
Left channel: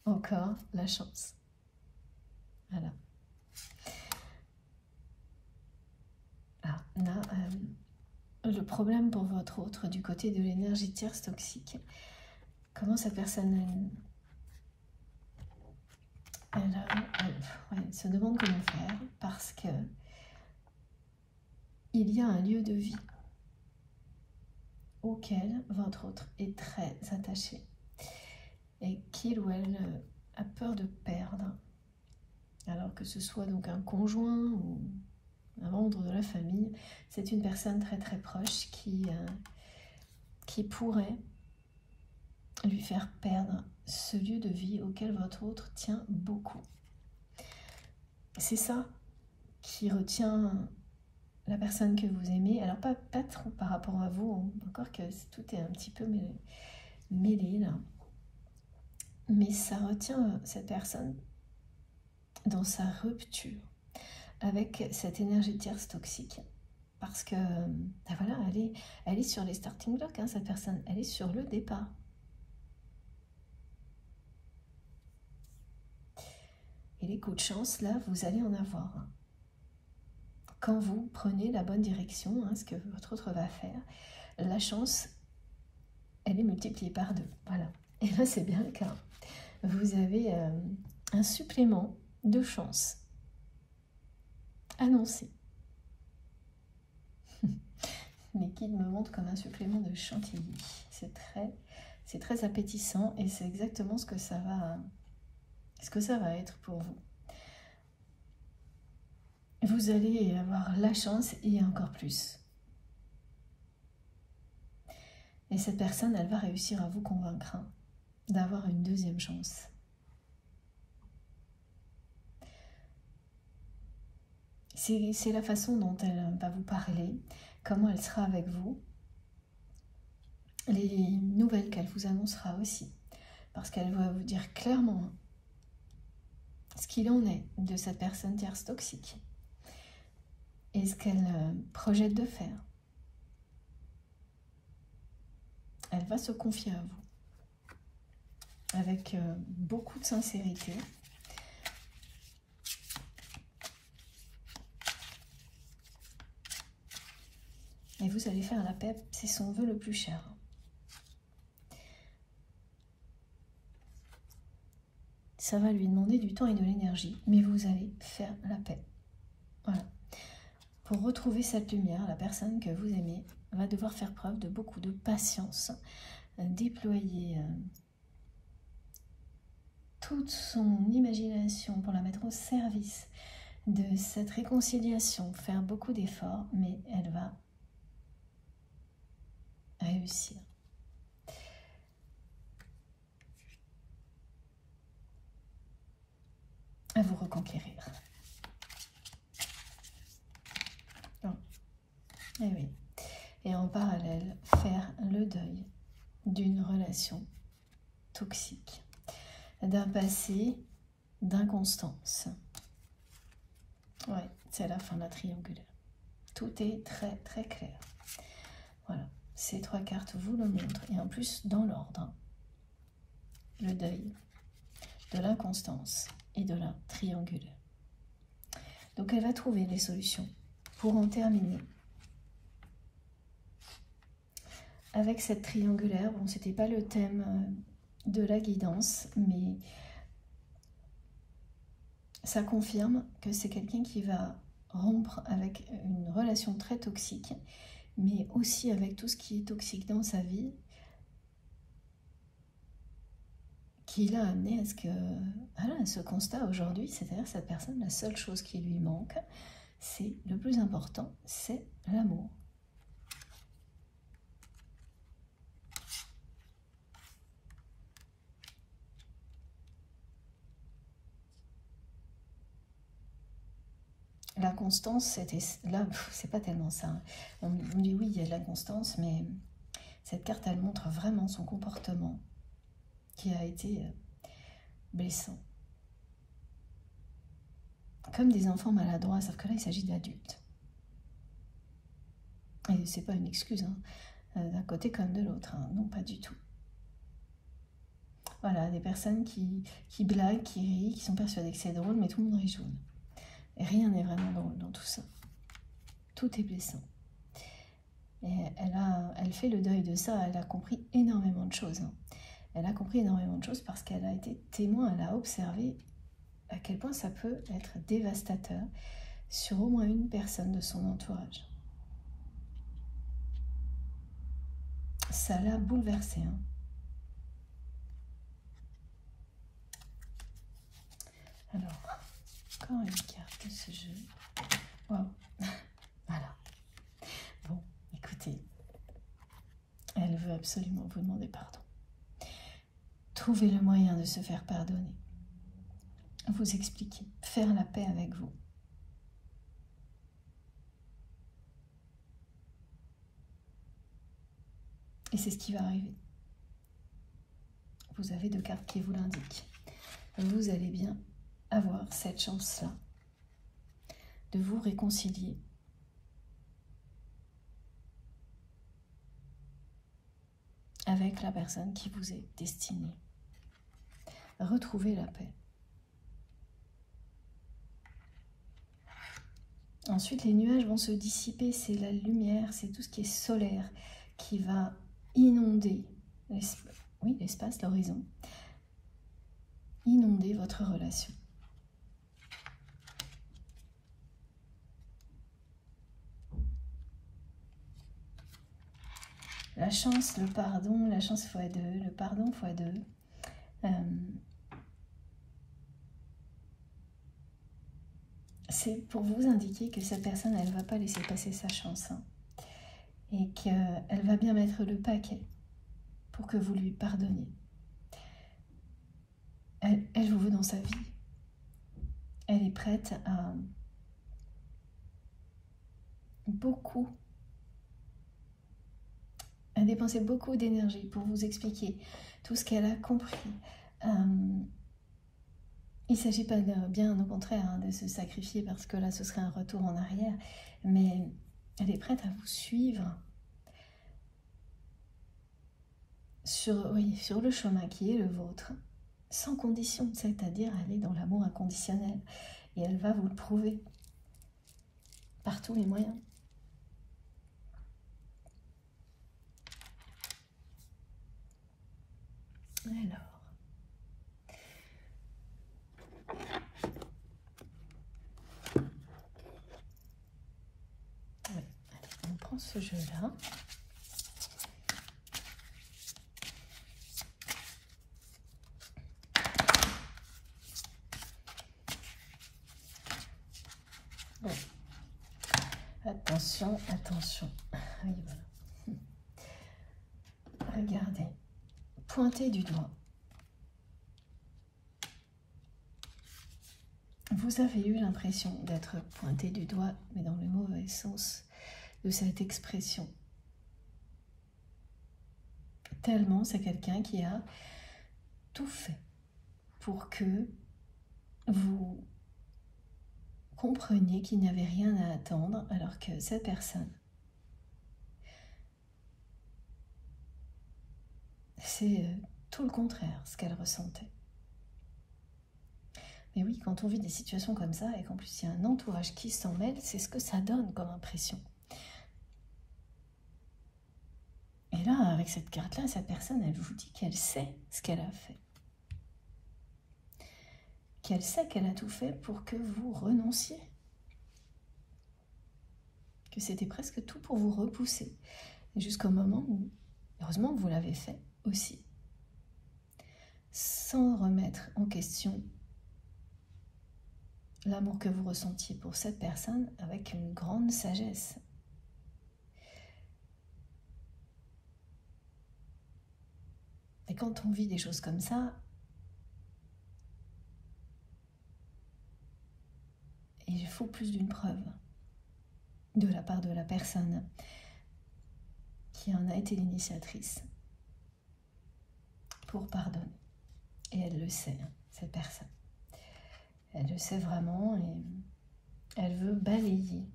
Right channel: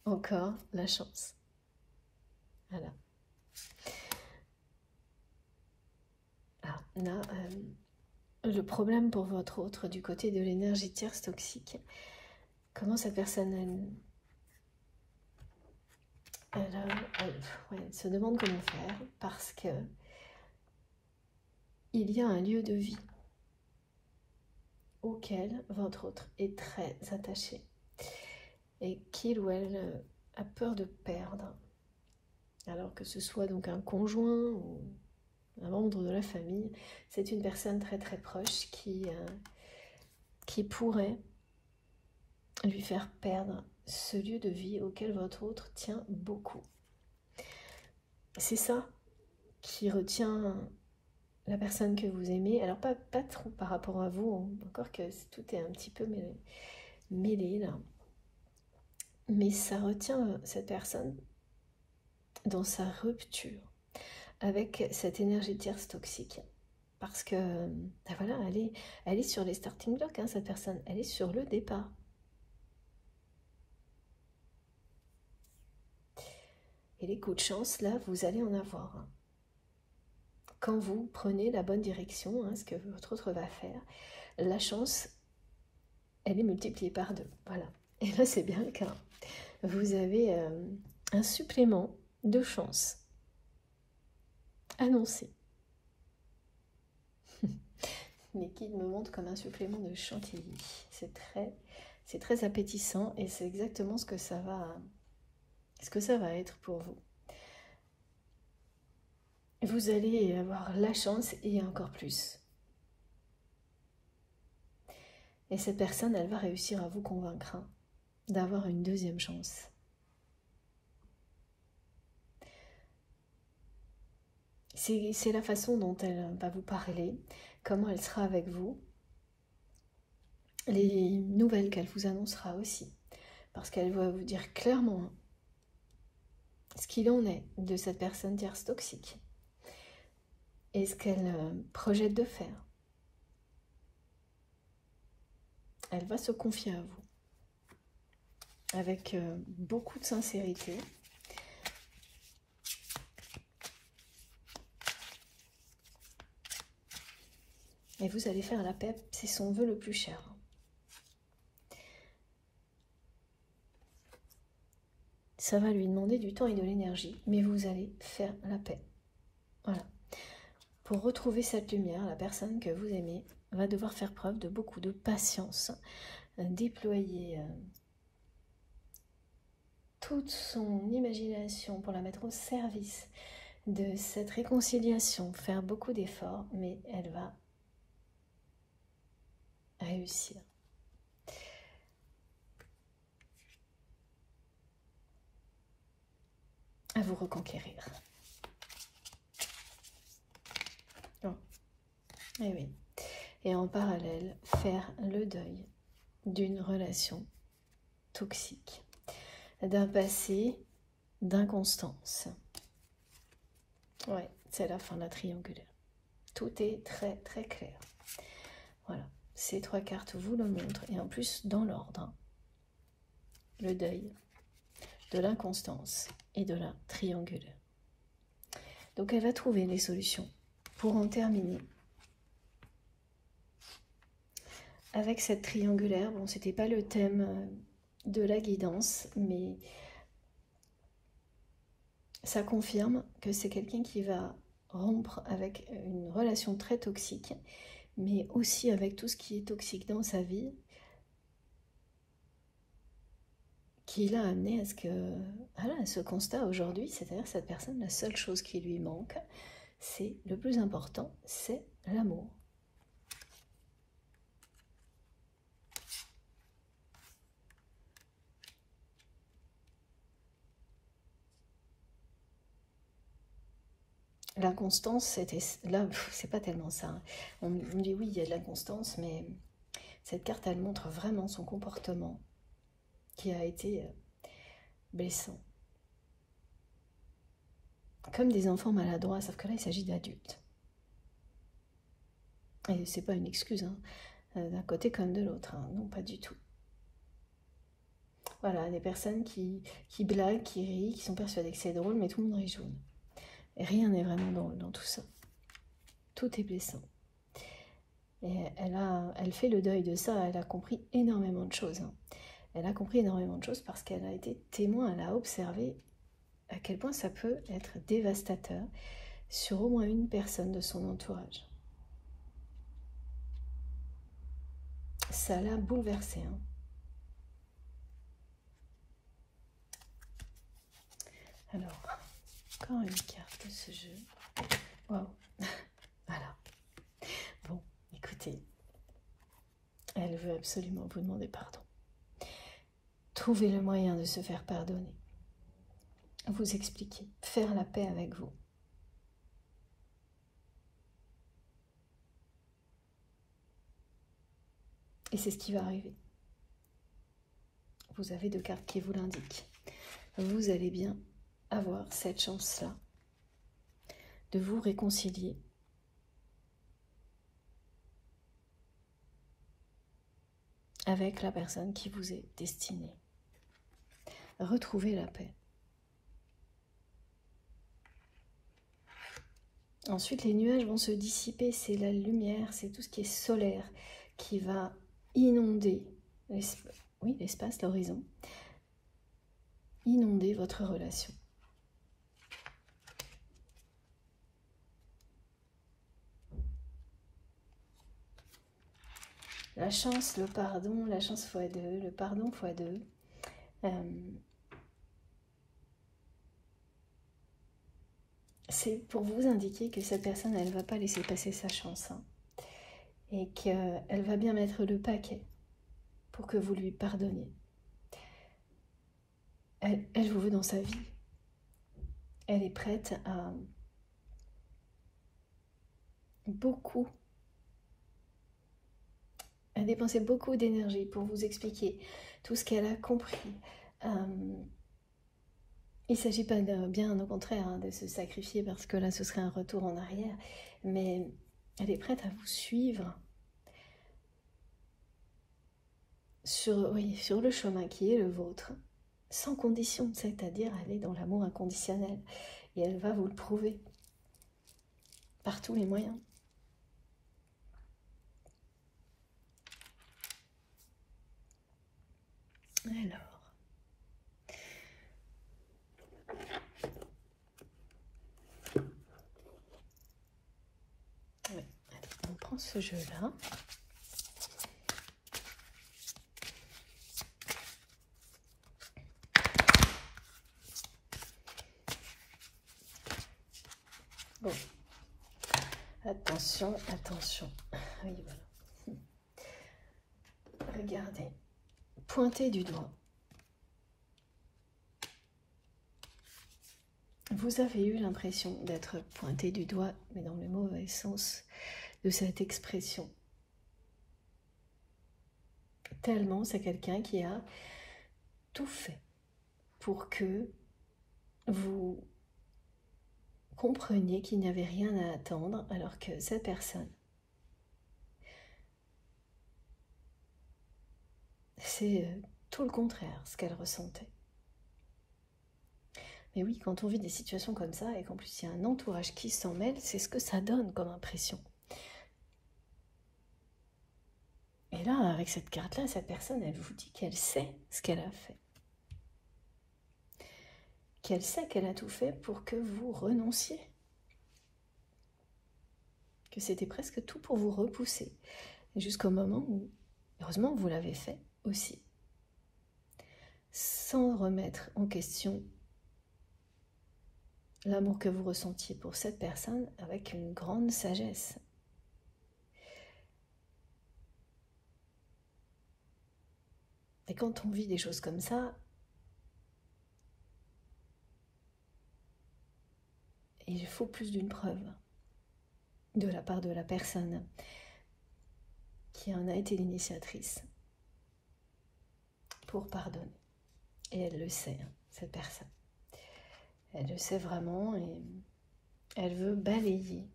Encore la chance. Voilà. Là, le problème pour votre autre du côté de l'énergie tierce toxique. Comment cette personne, elle se demande comment faire, parce que il y a un lieu de vie auquel votre autre est très attaché et qu'il ou elle a peur de perdre, alors que ce soit donc un conjoint ou un membre de la famille. C'est une personne très très proche qui pourrait lui faire perdre ce lieu de vie auquel votre autre tient beaucoup. C'est ça qui retient la personne que vous aimez. Alors pas trop par rapport à vous, encore que tout est un petit peu mêlé là. Mais ça retient cette personne dans sa rupture avec cette énergie tierce toxique. Parce que, ben voilà, elle est sur les starting blocks, hein, cette personne. Elle est sur le départ. Et les coups de chance, là, vous allez en avoir. Hein. Quand vous prenez la bonne direction, hein, ce que votre autre va faire, la chance, elle est multipliée par 2. Voilà. Et là, c'est bien le cas. Vous avez un supplément de chance annoncé. Mais qui me montre comme un supplément de chantilly. C'est très appétissant et c'est exactement ce que ça va être pour vous. Vous allez avoir la chance et encore plus. Et cette personne, elle va réussir à vous convaincre d'avoir une deuxième chance. C'est la façon dont elle va vous parler, comment elle sera avec vous, les nouvelles qu'elle vous annoncera aussi, parce qu'elle va vous dire clairement ce qu'il en est de cette personne tierce toxique et ce qu'elle projette de faire. Elle va se confier à vous avec beaucoup de sincérité. Et vous allez faire la paix, c'est son vœu le plus cher. Ça va lui demander du temps et de l'énergie, mais vous allez faire la paix. Voilà. Pour retrouver cette lumière, la personne que vous aimez va devoir faire preuve de beaucoup de patience, déployer toute son imagination pour la mettre au service de cette réconciliation, faire beaucoup d'efforts, mais elle va réussir. À vous reconquérir. Bon. Et oui. Et en parallèle, faire le deuil d'une relation toxique, d'un passé d'inconstance. Ouais, c'est la fin de la triangulaire. Tout est très très clair. Voilà. Ces 3 cartes vous le montrent, et en plus dans l'ordre. Le deuil, de l'inconstance et de la triangulaire. Donc elle va trouver les solutions pour en terminer. Avec cette triangulaire, bon, c'était pas le thème de la guidance, mais ça confirme que c'est quelqu'un qui va rompre avec une relation très toxique, mais aussi avec tout ce qui est toxique dans sa vie, qui l'a amené à ce constat aujourd'hui, c'est-à-dire cette personne, la seule chose qui lui manque, c'est le plus important, c'est l'amour. L'inconstance, c'était là, c'est pas tellement ça. On dit oui, il y a de l'inconstance, mais cette carte, elle montre vraiment son comportement qui a été blessant. Comme des enfants maladroits, sauf que là, il s'agit d'adultes. Et c'est pas une excuse, hein, d'un côté comme de l'autre, hein, non, pas du tout. Voilà, des personnes qui blaguent, qui rient, qui sont persuadées que c'est drôle, mais tout le monde rit jaune. Et rien n'est vraiment drôle dans tout ça. Tout est blessant. Et elle fait le deuil de ça, elle a compris énormément de choses. Hein. Elle a compris énormément de choses parce qu'elle a été témoin, elle a observé à quel point ça peut être dévastateur sur au moins une personne de son entourage. Ça l'a bouleversée. Hein. Alors, encore une carte de ce jeu. Wow. absolument vous demander pardon. Trouvez le moyen de se faire pardonner. Vous expliquer, faire la paix avec vous. Et c'est ce qui va arriver. Vous avez 2 cartes qui vous l'indiquent. Vous allez bien avoir cette chance-là de vous réconcilier avec la personne qui vous est destinée. Retrouvez la paix. Ensuite, les nuages vont se dissiper, c'est la lumière, c'est tout ce qui est solaire qui va inonder l'espace, l'horizon, inonder votre relation. La chance, le pardon, la chance x2, le pardon x2. C'est pour vous indiquer que cette personne, elle ne va pas laisser passer sa chance. Hein, et qu'elle va bien mettre le paquet pour que vous lui pardonniez. Elle vous veut dans sa vie. Elle est prête à dépenser beaucoup d'énergie pour vous expliquer tout ce qu'elle a compris. Il ne s'agit pas bien au contraire hein, de se sacrifier parce que là ce serait un retour en arrière, mais elle est prête à vous suivre sur le chemin qui est le vôtre, sans condition, c'est-à-dire elle est dans l'amour inconditionnel et elle va vous le prouver par tous les moyens. Ce jeu-là. Bon. Attention, attention. Oui, voilà. Regardez. Pointez du doigt. Vous avez eu l'impression d'être pointé du doigt, mais dans le mauvais sens de cette expression. Tellement c'est quelqu'un qui a tout fait pour que vous compreniez qu'il n'y avait rien à attendre, alors que cette personne, c'est tout le contraire ce qu'elle ressentait. Mais oui, quand on vit des situations comme ça et qu'en plus il y a un entourage qui s'en mêle, c'est ce que ça donne comme impression. Et là, avec cette carte-là, cette personne, elle vous dit qu'elle sait ce qu'elle a fait. Qu'elle sait qu'elle a tout fait pour que vous renonciez. Que c'était presque tout pour vous repousser. Jusqu'au moment où, heureusement, vous l'avez fait aussi. Sans remettre en question l'amour que vous ressentiez pour cette personne avec une grande sagesse. Et quand on vit des choses comme ça, il faut plus d'une preuve de la part de la personne qui en a été l'initiatrice pour pardonner. Et elle le sait, cette personne. Elle le sait vraiment et elle veut balayer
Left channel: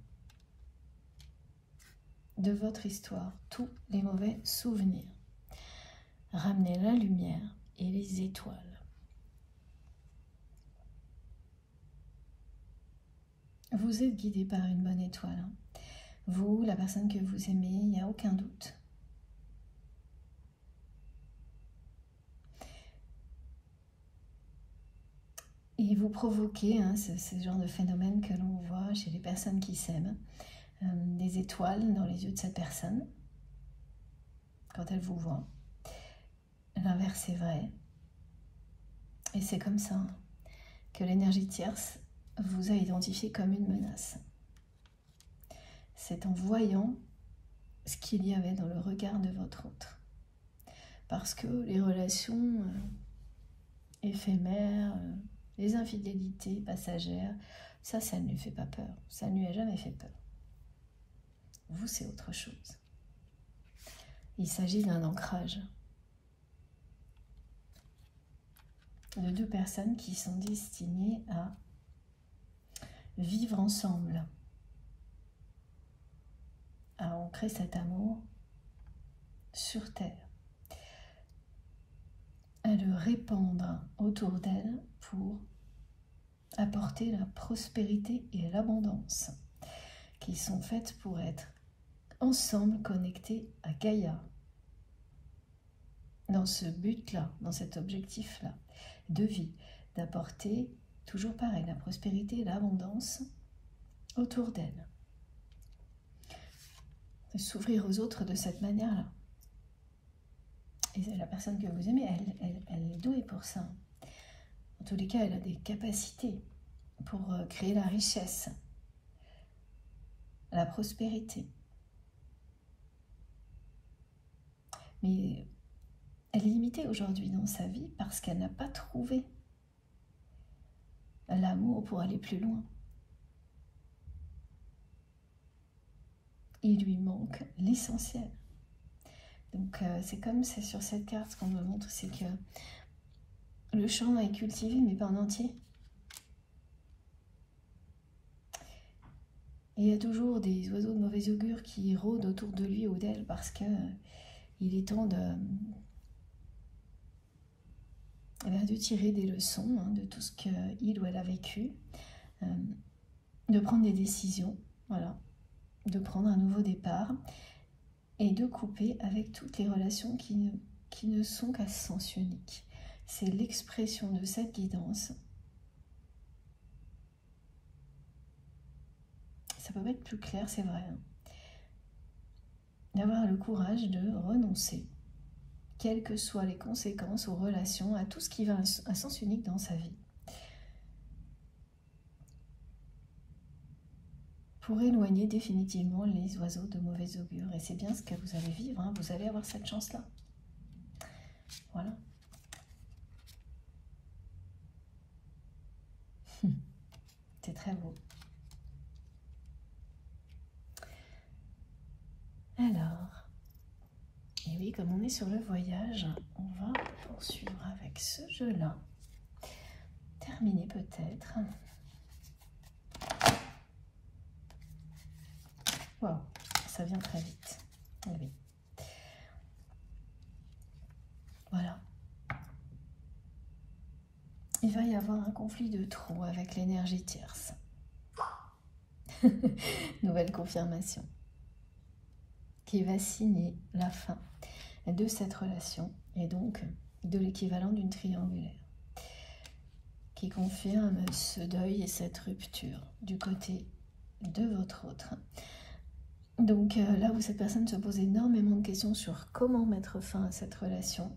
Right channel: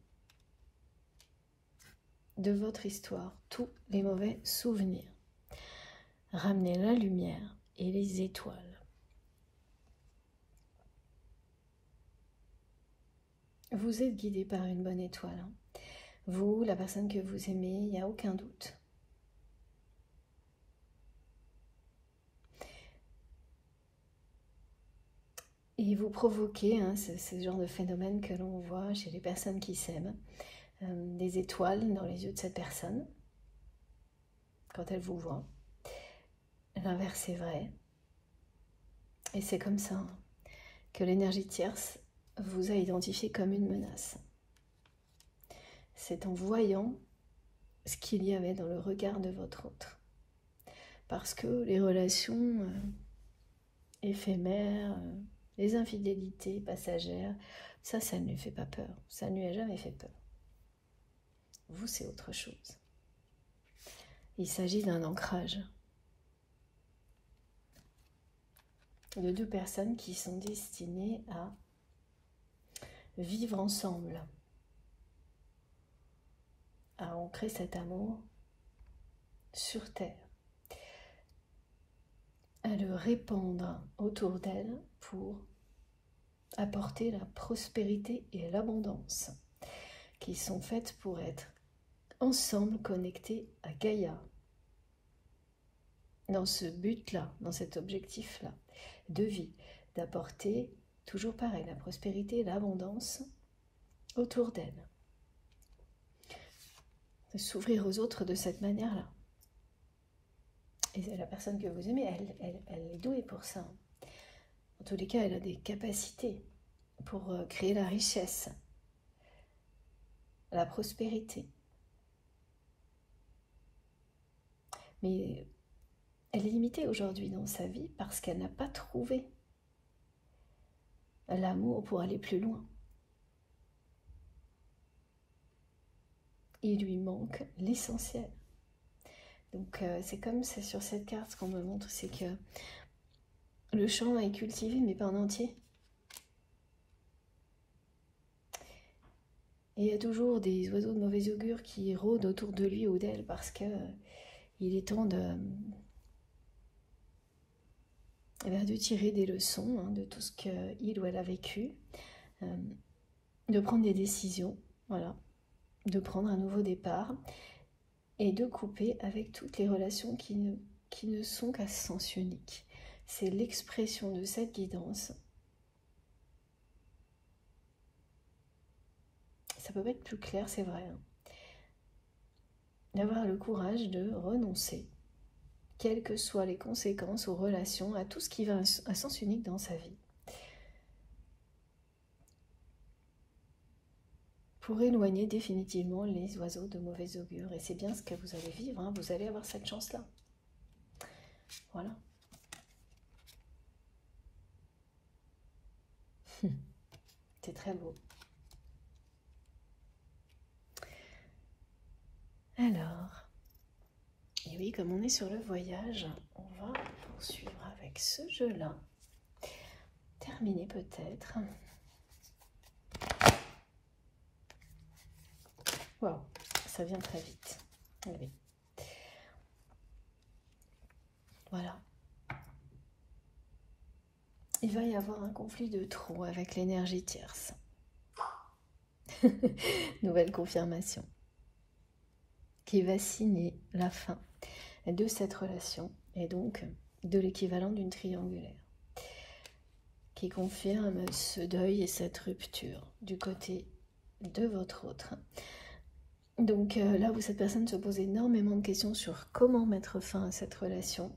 de votre histoire tous les mauvais souvenirs. Ramener la lumière et les étoiles. Vous êtes guidé par une bonne étoile. Vous, la personne que vous aimez, il n'y a aucun doute. Et vous provoquez ce genre de phénomène que l'on voit chez les personnes qui s'aiment. Des étoiles dans les yeux de cette personne quand elle vous voit. L'inverse est vrai. Et c'est comme ça que l'énergie tierce vous a identifié comme une menace. C'est en voyant ce qu'il y avait dans le regard de votre autre parce que les relations éphémères, les infidélités passagères, ça ne lui fait pas peur. Ça ne lui a jamais fait peur. Vous, c'est autre chose. Il s'agit d'un ancrage de deux personnes qui sont destinées à vivre ensemble, à ancrer cet amour sur Terre, à le répandre autour d'elle pour apporter la prospérité et l'abondance qui sont faites pour être ensemble connectés à Gaïa, dans ce but-là, dans cet objectif-là de vie, d'apporter toujours pareil, la prospérité et l'abondance autour d'elle, de s'ouvrir aux autres de cette manière-là. Et la personne que vous aimez, elle est douée pour ça. En tous les cas, elle a des capacités pour créer la richesse, la prospérité. Mais elle est limitée aujourd'hui dans sa vie parce qu'elle n'a pas trouvé l'amour pour aller plus loin. Il lui manque l'essentiel. Donc c'est comme c'est sur cette carte, ce qu'on me montre, c'est que le champ est cultivé, mais pas en entier. Et il y a toujours des oiseaux de mauvais augure qui rôdent autour de lui ou d'elle parce que il est temps de tirer des leçons de tout ce qu'il ou elle a vécu, de prendre des décisions, voilà, de prendre un nouveau départ et de couper avec toutes les relations qui ne sont qu'à sens unique. C'est l'expression de cette guidance. Ça peut pas être plus clair, c'est vrai. D'avoir le courage de renoncer, quelles que soient les conséquences aux relations, à tout ce qui va à sens unique dans sa vie. Pour éloigner définitivement les oiseaux de mauvais augure. Et c'est bien ce que vous allez vivre, vous allez avoir cette chance-là. Voilà. C'est très beau. Alors, et oui, comme on est sur le voyage, on va poursuivre avec ce jeu-là. Terminer peut-être. Wow, ça vient très vite. Oui. Voilà. Il va y avoir un conflit de trop avec l'énergie tierce. Nouvelle confirmation. Qui va signer la fin de cette relation et donc de l'équivalent d'une triangulaire. Qui confirme ce deuil et cette rupture du côté de votre autre. Donc là où cette personne se pose énormément de questions sur comment mettre fin à cette relation,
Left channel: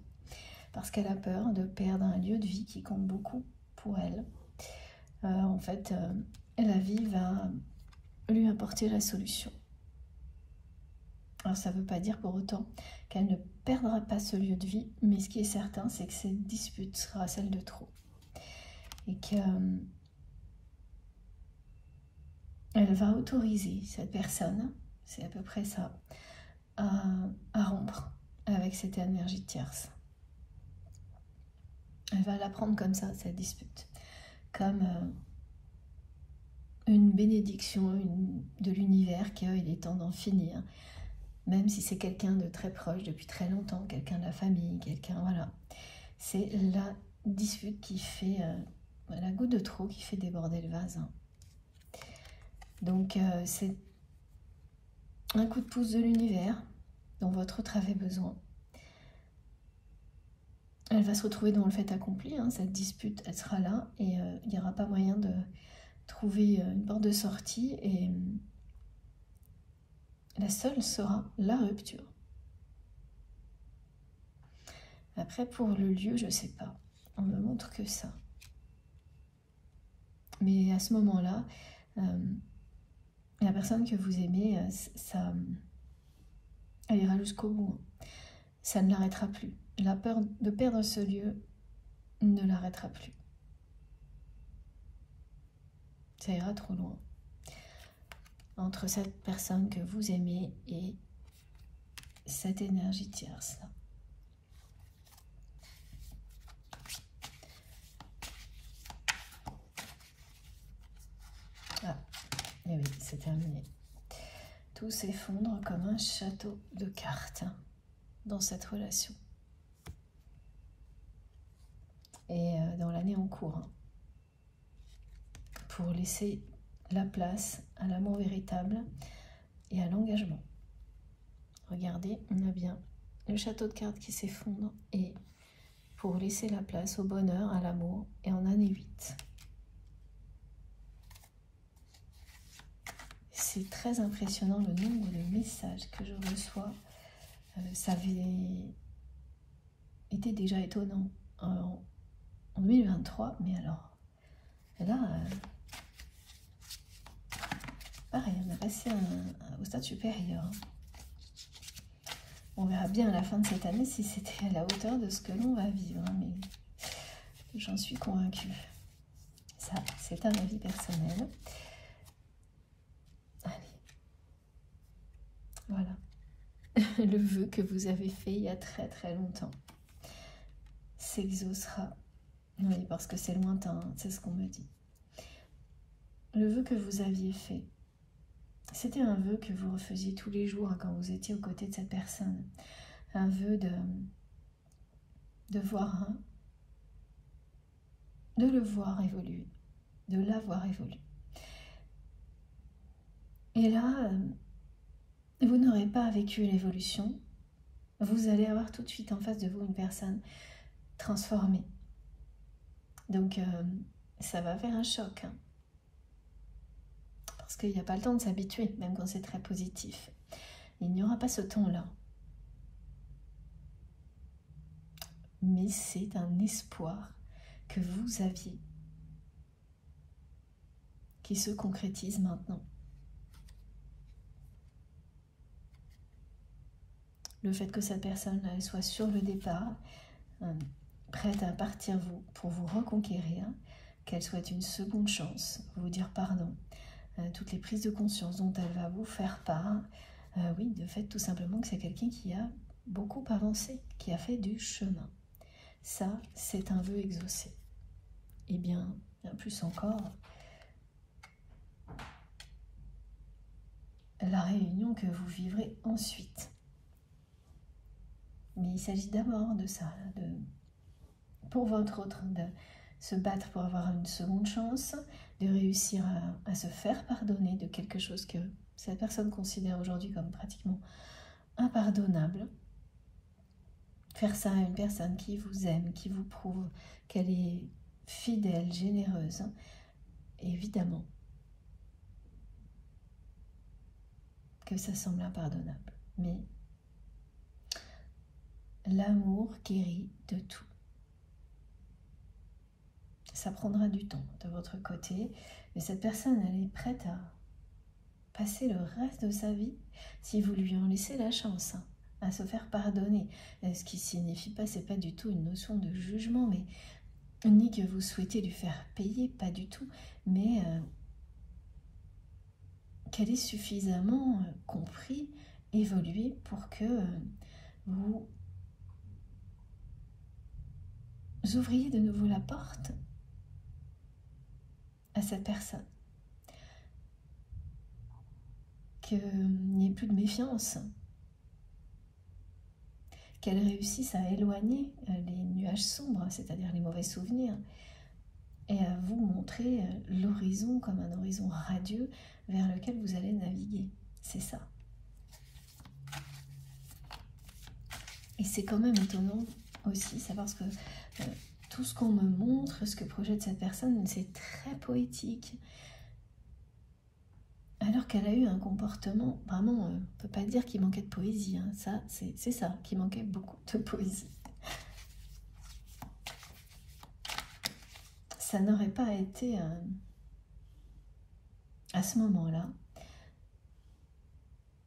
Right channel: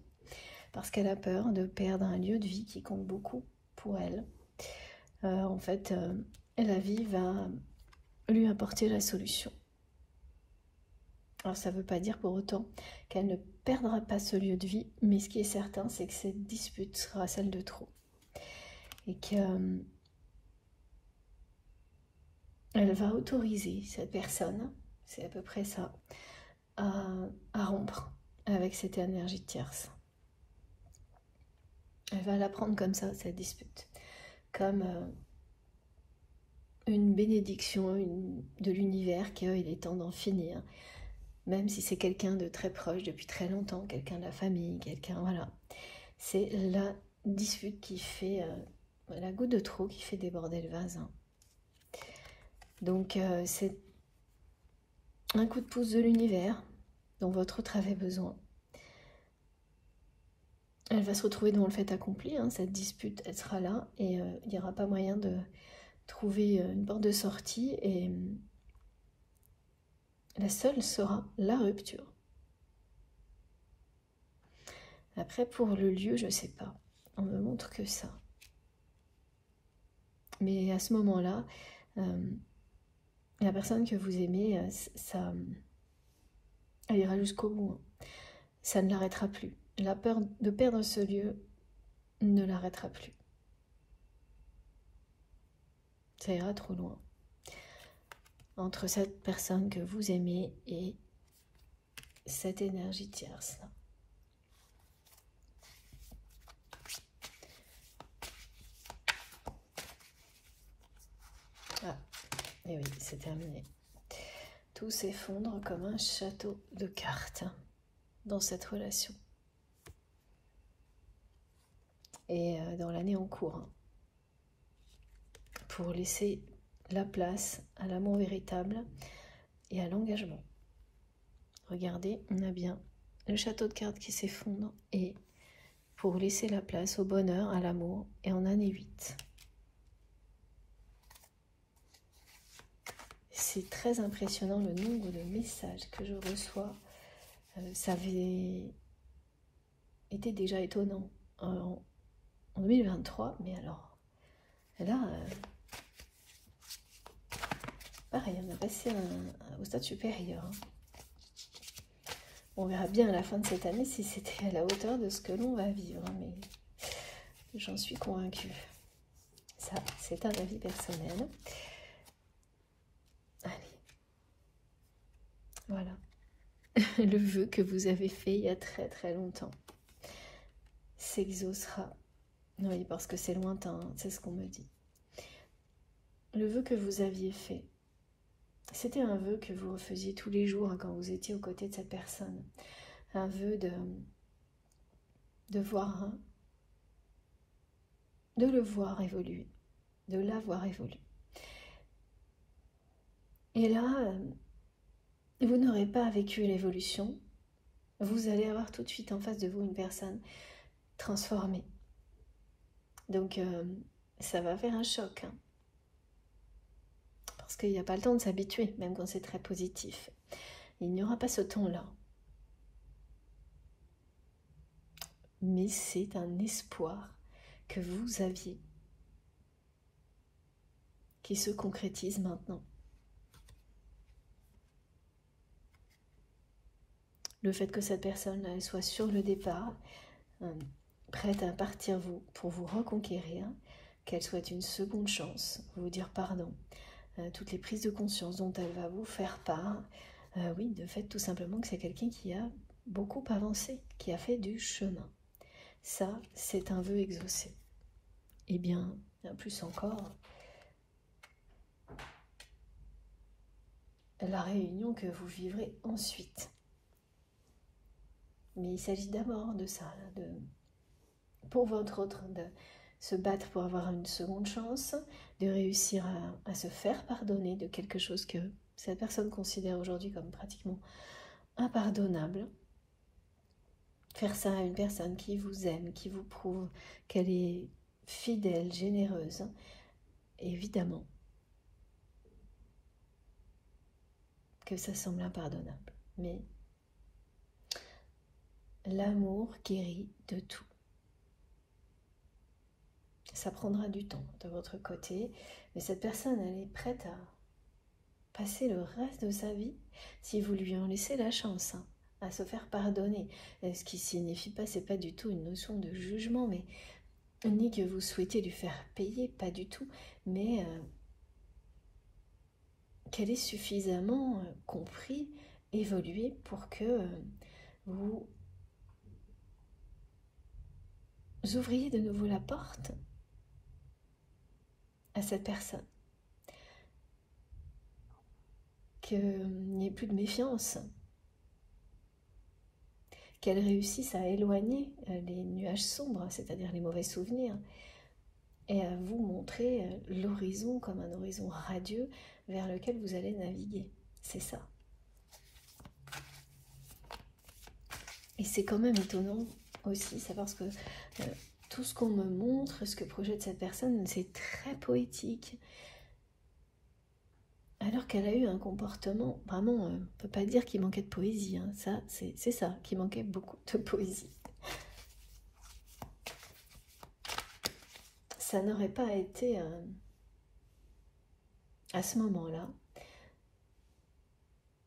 parce qu'elle a peur de perdre un lieu de vie qui compte beaucoup pour elle. En fait, la vie va lui apporter la solution. Alors ça ne veut pas dire pour autant qu'elle ne perdra pas ce lieu de vie, mais ce qui est certain, c'est que cette dispute sera celle de trop. Et qu'elle va autoriser cette personne, c'est à peu près ça, à rompre avec cette énergie tierce. Elle va la prendre comme ça, cette dispute, comme une bénédiction de l'univers qu'il est temps d'en finir, même si c'est quelqu'un de très proche depuis très longtemps, quelqu'un de la famille, quelqu'un, voilà. C'est la dispute qui fait, la goutte de trop qui fait déborder le vase. Donc c'est un coup de pouce de l'univers dont votre autre avait besoin. Elle va se retrouver dans le fait accompli, cette dispute, elle sera là et il n'y aura pas moyen de trouver une porte de sortie et la seule sera la rupture. Après, pour le lieu, je ne sais pas. On me montre que ça. Mais à ce moment-là, la personne que vous aimez, ça, elle ira jusqu'au bout. Ça ne l'arrêtera plus. la peur de perdre ce lieu ne l'arrêtera plus. Ça ira trop loin. Entre cette personne que vous aimez et cette énergie tierce là. Ah, et oui, c'est terminé. Tout s'effondre comme un château de cartes dans cette relation. Et dans l'année en cours, hein, pour laisser la place à l'amour véritable et à l'engagement. Regardez, on a bien le château de cartes qui s'effondre et pour laisser la place au bonheur, à l'amour et en année 8. C'est très impressionnant le nombre de messages que je reçois. Ça avait été déjà étonnant en 2023, mais alors là, pareil, on a passé au stade supérieur. On verra bien à la fin de cette année si c'était à la hauteur de ce que l'on va vivre, mais j'en suis convaincue. Ça, c'est un avis personnel. Allez, voilà. Le vœu que vous avez fait il y a très très longtemps s'exaucera. Oui, parce que c'est lointain, c'est ce qu'on me dit. Le vœu que vous aviez fait, c'était un vœu que vous refaisiez tous les jours quand vous étiez aux côtés de cette personne. Un vœu de voir, de le voir évoluer, de la voir évoluer. Et là, vous n'aurez pas vécu l'évolution, vous allez avoir tout de suite en face de vous une personne transformée. Donc, ça va faire un choc. Hein. Parce qu'il n'y a pas le temps de s'habituer, même quand c'est très positif. Il n'y aura pas ce temps-là. Mais c'est un espoir que vous aviez qui se concrétise maintenant. Le fait que cette personne soit sur le départ, prête à partir pour vous reconquérir, qu'elle souhaite une seconde chance, vous dire pardon, toutes les prises de conscience dont elle va vous faire part, oui, de fait tout simplement que c'est quelqu'un qui a beaucoup avancé, qui a fait du chemin. Ça, c'est un vœu exaucé. Et bien, plus encore, la réunion que vous vivrez ensuite. Mais il s'agit d'abord de ça, pour votre autre, de se battre pour avoir une seconde chance, de réussir à se faire pardonner de quelque chose que cette personne considère aujourd'hui comme pratiquement impardonnable. Faire ça à une personne qui vous aime, qui vous prouve qu'elle est fidèle, généreuse, évidemment que ça semble impardonnable. Mais l'amour guérit de tout. Ça prendra du temps de votre côté, mais cette personne, elle est prête à passer le reste de sa vie, si vous lui en laissez la chance, hein, à se faire pardonner. Ce qui signifie pas, c'est pas du tout une notion de jugement, mais ni que vous souhaitez lui faire payer, pas du tout, mais qu'elle ait suffisamment compris, évolué pour que vous ouvriez de nouveau la porte à cette personne. Qu'il n'y ait plus de méfiance, qu'elle réussisse à éloigner les nuages sombres, c'est-à-dire les mauvais souvenirs, et à vous montrer l'horizon comme un horizon radieux vers lequel vous allez naviguer. C'est ça. Et c'est quand même étonnant aussi, ça parce que tout ce qu'on me montre, ce que projette cette personne, c'est très poétique. Alors qu'elle a eu un comportement, vraiment, on ne peut pas dire qu'il manquait de poésie. Hein. Ça, c'est ça, qu'il manquait beaucoup de poésie. Ça n'aurait pas été à ce moment-là.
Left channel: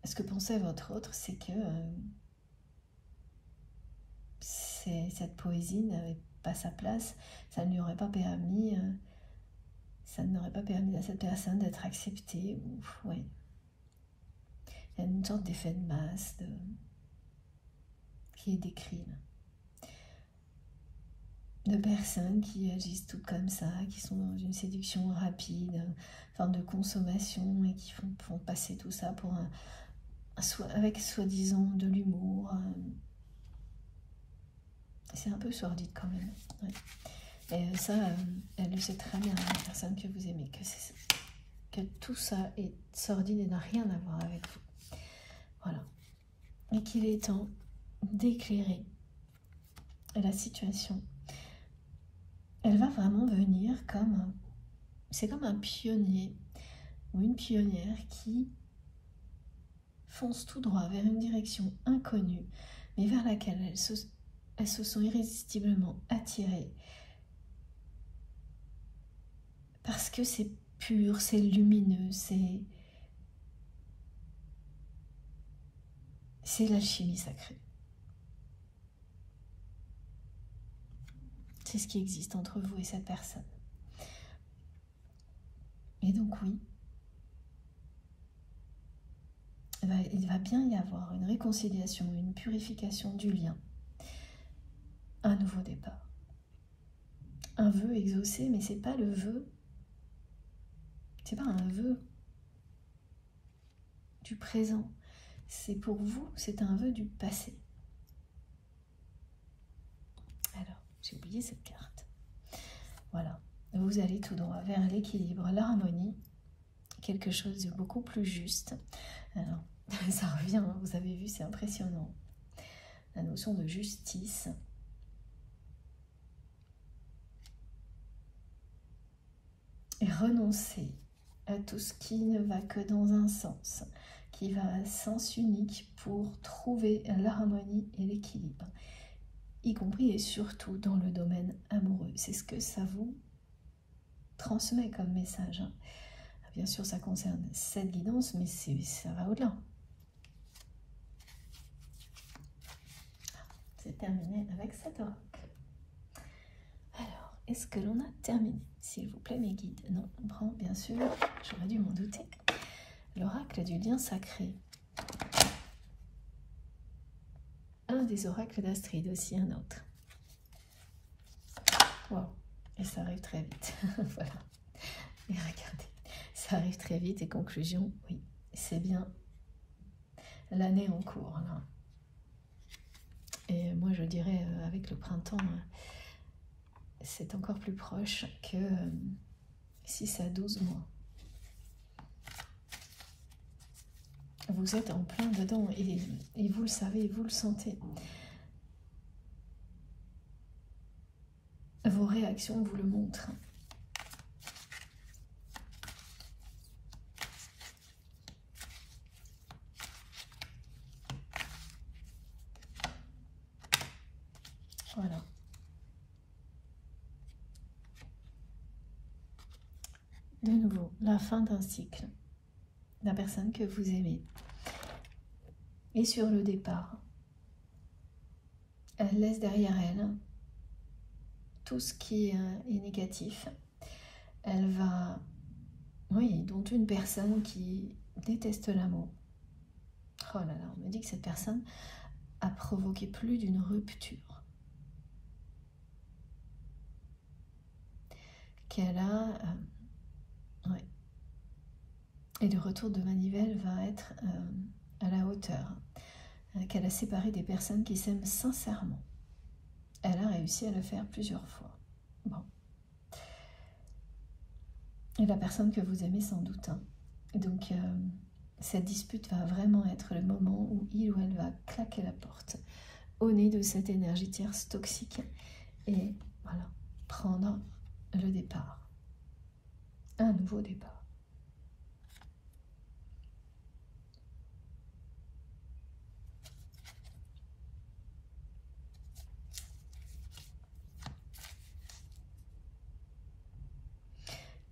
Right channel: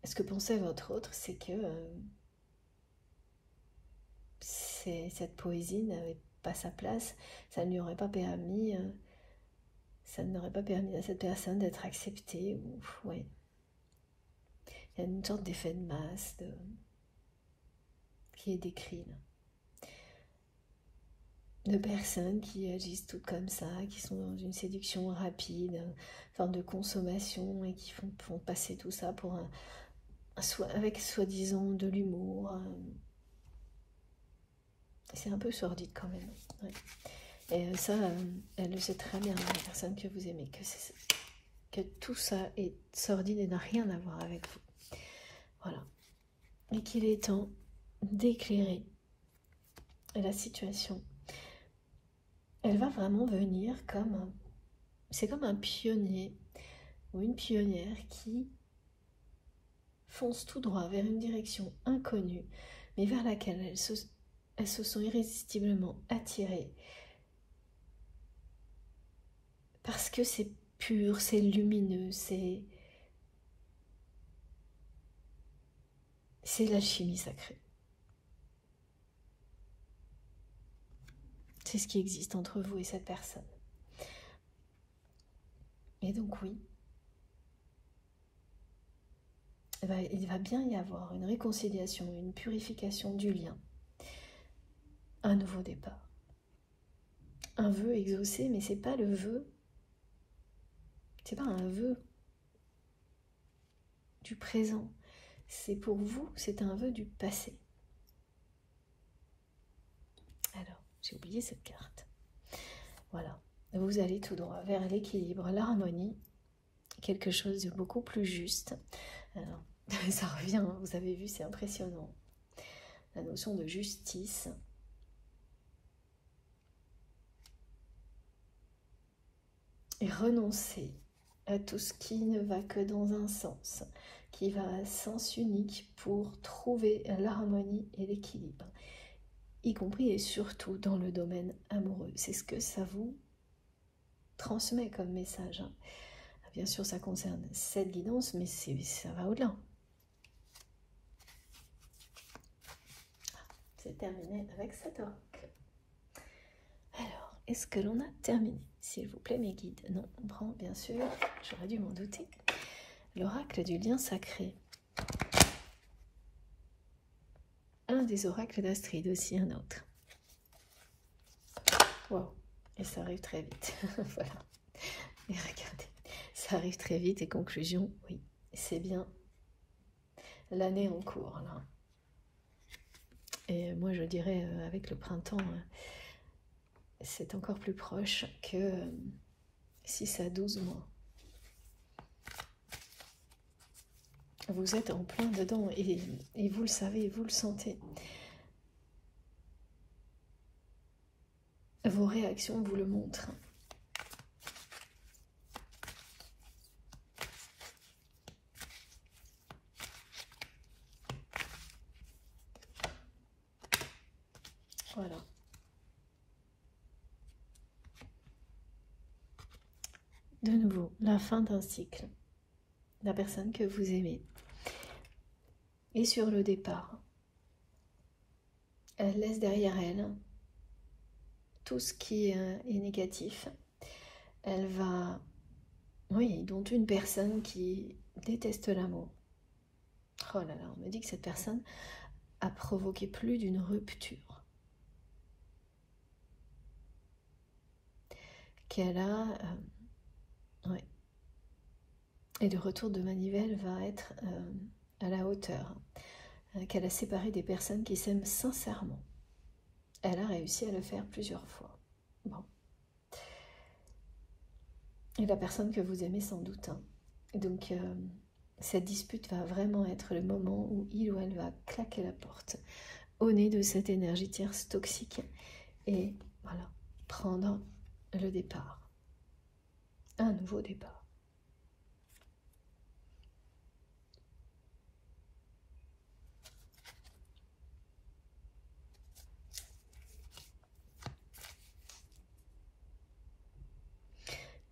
Ce que pensait votre autre, c'est que cette poésie n'avait pas sa place, ça ne lui aurait pas permis, ça n'aurait pas permis à cette personne d'être acceptée. Ouais. Il y a une sorte d'effet de masse qui est décrit là. De personnes qui agissent toutes comme ça, qui sont dans une séduction rapide, forme de consommation et qui font passer tout ça pour avec soi-disant de l'humour. C'est un peu sordide quand même. Ouais. Et ça, elle le sait très bien, la personne que vous aimez, que tout ça est sordide et n'a rien à voir avec vous. Voilà. Et qu'il est temps d'éclairer la situation. Elle va vraiment venir comme c'est comme un pionnier ou une pionnière qui fonce tout droit vers une direction inconnue, mais vers laquelle elles se sont irrésistiblement attirées. Parce que c'est pur, c'est lumineux, c'est l'alchimie sacrée. C'est ce qui existe entre vous et cette personne. Et donc oui, il va bien y avoir une réconciliation, une purification du lien, un nouveau départ. Un vœu exaucé, mais c'est pas le vœu, c'est pas un vœu du présent. C'est pour vous, c'est un vœu du passé. Alors, j'ai oublié cette carte. Voilà, vous allez tout droit vers l'équilibre, l'harmonie, quelque chose de beaucoup plus juste. Alors, ça revient, vous avez vu, c'est impressionnant. La notion de justice. Et renoncer à tout ce qui ne va que dans un sens, qui va à sens unique pour trouver l'harmonie et l'équilibre, y compris et surtout dans le domaine amoureux. C'est ce que ça vous transmet comme message. Bien sûr, ça concerne cette guidance, mais ça va au-delà. C'est terminé avec cet oracle. Alors, est-ce que l'on a terminé? S'il vous plaît, mes guides. Non, on prend, bien sûr, j'aurais dû m'en douter, l'oracle du lien sacré. Un des oracles d'Astrid, aussi un autre. Oh, et ça arrive très vite. Voilà. Et regardez, ça arrive très vite. Et conclusion, oui, c'est bien l'année en cours, là. Et moi, je dirais, avec le printemps, c'est encore plus proche que 6 à 12 mois. Vous êtes en plein dedans et vous le savez, vous le sentez. Vos réactions vous le montrent. Voilà. De nouveau, la fin d'un cycle. La personne que vous aimez. Et sur le départ, elle laisse derrière elle tout ce qui est négatif. Elle va, oui, dont une personne qui déteste l'amour. Oh là là, on me dit que cette personne a provoqué plus d'une rupture. Qu'elle a... ouais. Et le retour de manivelle va être à la hauteur. Qu'elle a séparé des personnes qui s'aiment sincèrement. Elle a réussi à le faire plusieurs fois. Bon. Et la personne que vous aimez sans doute. Hein. Donc, cette dispute va vraiment être le moment où il ou elle va claquer la porte au nez de cette énergie tierce toxique et voilà, prendre le départ. Un nouveau départ.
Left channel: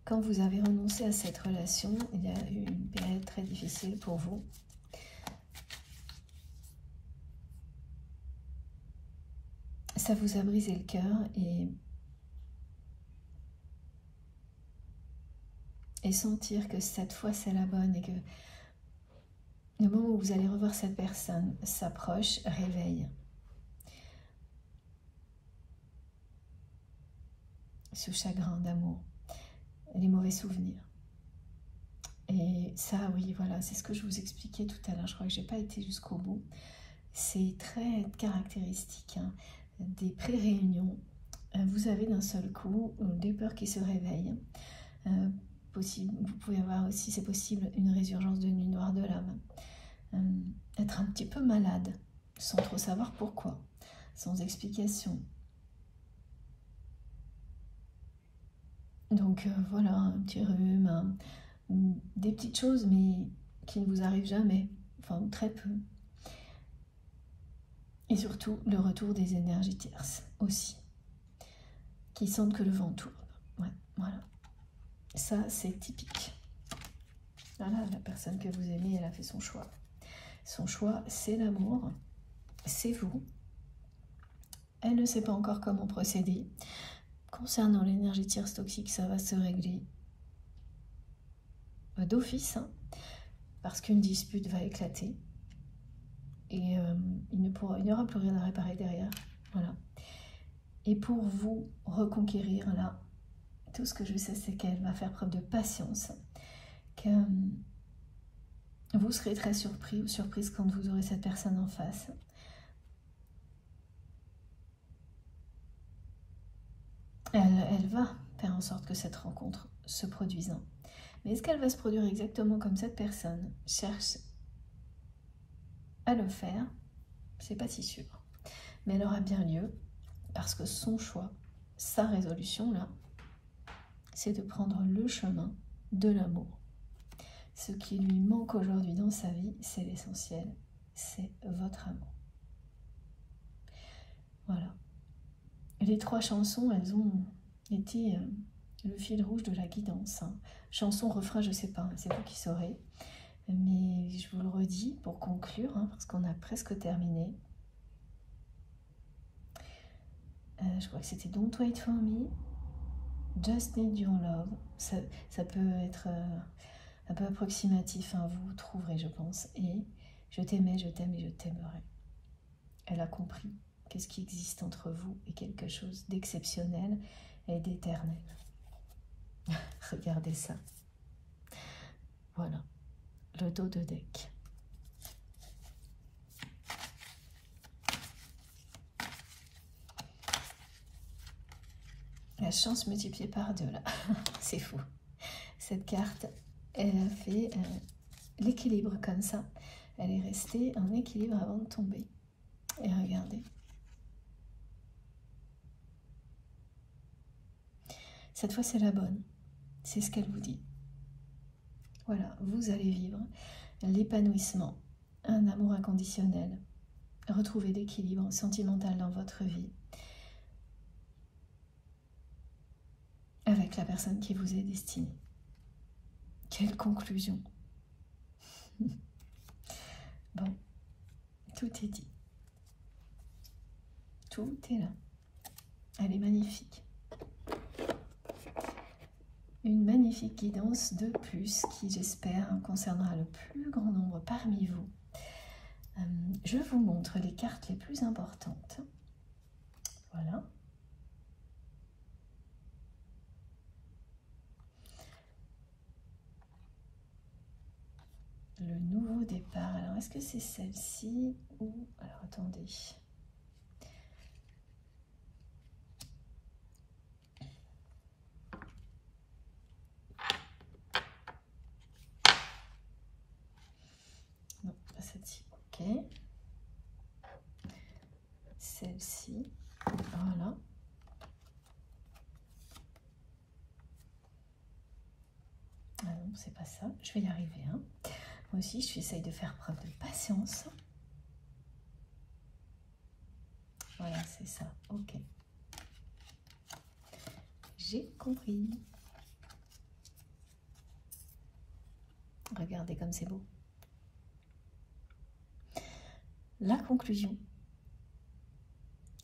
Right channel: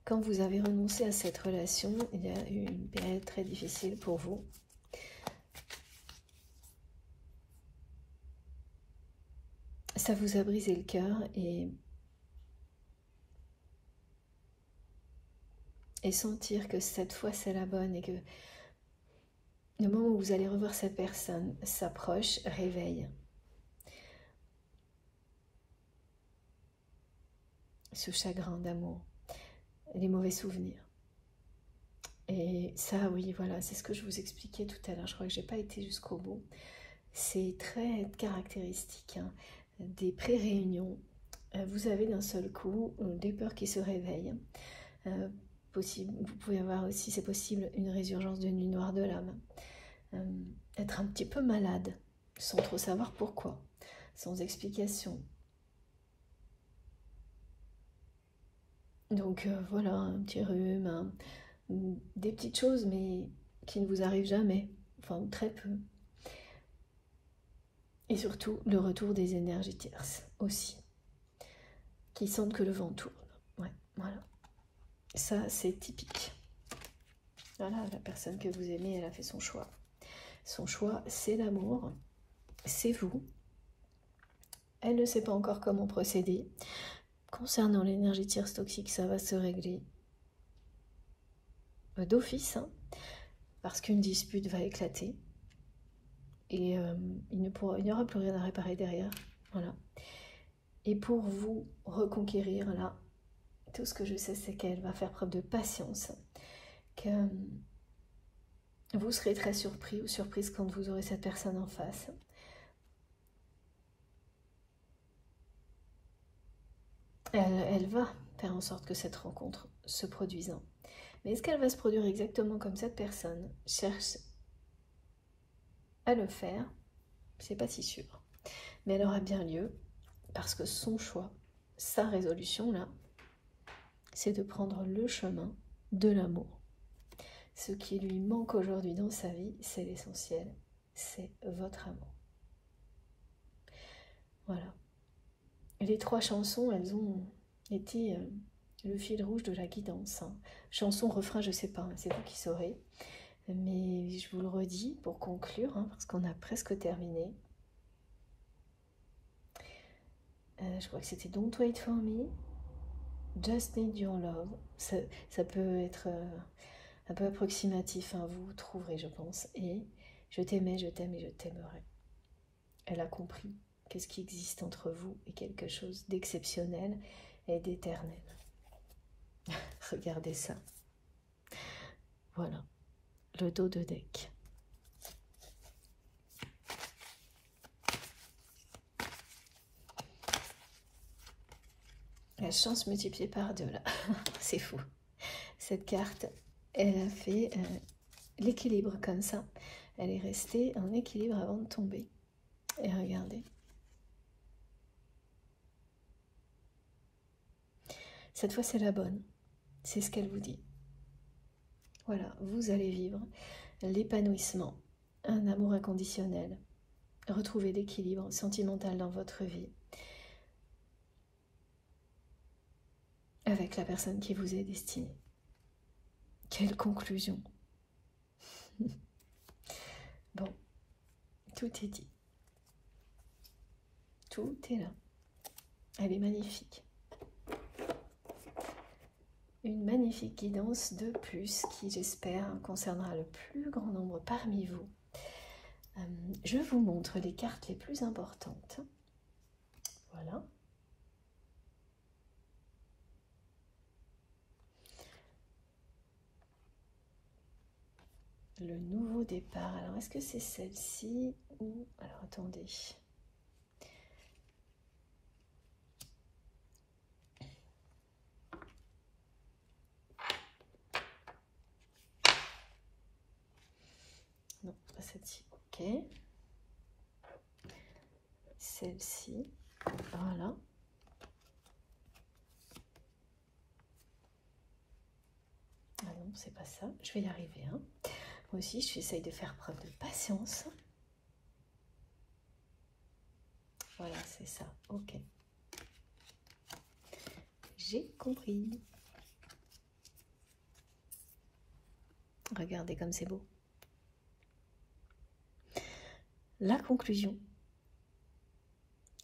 Quand vous avez renoncé à cette relation, il y a eu une période très difficile pour vous. ça vous a brisé le cœur et sentir que cette fois c'est la bonne et que le moment où vous allez revoir cette personne s'approche, réveille ce chagrin d'amour, les mauvais souvenirs. Et ça, oui, voilà, c'est ce que je vous expliquais tout à l'heure. Je crois que j'ai pas été jusqu'au bout. C'est très caractéristique hein, des pré-réunions. Vous avez d'un seul coup des peurs qui se réveillent. Possible, vous pouvez avoir aussi, c'est possible, une résurgence de nuit noire de l'âme. Être un petit peu malade, sans trop savoir pourquoi, sans explication. Donc voilà, un petit rhume, des petites choses, mais qui ne vous arrivent jamais, enfin très peu. Et surtout, le retour des énergies tierces aussi, qui sentent que le vent tourne. Ouais, voilà. Ça, c'est typique. Voilà, la personne que vous aimez, elle a fait son choix. Son choix, c'est l'amour, c'est vous. Elle ne sait pas encore comment procéder. Concernant l'énergie tierce toxique, ça va se régler d'office, hein, parce qu'une dispute va éclater. Et il n'y aura plus rien à réparer derrière. Voilà. Et pour vous reconquérir, là, tout ce que je sais, c'est qu'elle va faire preuve de patience, que vous serez très surpris ou surprise quand vous aurez cette personne en face. Elle va faire en sorte que cette rencontre se produise. Mais est-ce qu'elle va se produire exactement comme cette personne cherche à le faire? C'est pas si sûr. Mais elle aura bien lieu parce que son choix, sa résolution là, c'est de prendre le chemin de l'amour. Ce qui lui manque aujourd'hui dans sa vie, c'est l'essentiel, c'est votre amour. Voilà. Les 3 chansons, elles ont été le fil rouge de la guidance. Hein. Chanson, refrain, je sais pas, hein, c'est vous qui saurez. Mais je vous le redis pour conclure, hein, parce qu'on a presque terminé. Je crois que c'était Don't Wait For Me, Just Need Your Love. Ça peut être un peu approximatif, hein, vous trouverez, je pense. Et je t'aimais, je t'aime et je t'aimerai. Elle a compris que ce qui existe entre vous est quelque chose d'exceptionnel et d'éternel. Regardez ça. Voilà, le dos de deck. La chance multipliée par 2, là. C'est fou. Cette carte, elle a fait l'équilibre comme ça. Elle est restée en équilibre avant de tomber. Et regardez. Cette fois, c'est la bonne. C'est ce qu'elle vous dit. Voilà, vous allez vivre l'épanouissement, un amour inconditionnel, retrouver l'équilibre sentimental dans votre vie avec la personne qui vous est destinée. Quelle conclusion! Bon, tout est dit. Tout est là. Elle est magnifique. Une magnifique guidance de plus qui, j'espère, concernera le plus grand nombre parmi vous. Je vous montre les cartes les plus importantes. Voilà. Le nouveau départ. Alors, est-ce que c'est celle-ci ou... Alors, attendez. Non, pas celle-ci. Ok. Celle-ci. Voilà. Ah non, c'est pas ça. Je vais y arriver. Hein. Moi aussi, j'essaye de faire preuve de patience. Voilà, c'est ça. Ok. J'ai compris. Regardez comme c'est beau. La conclusion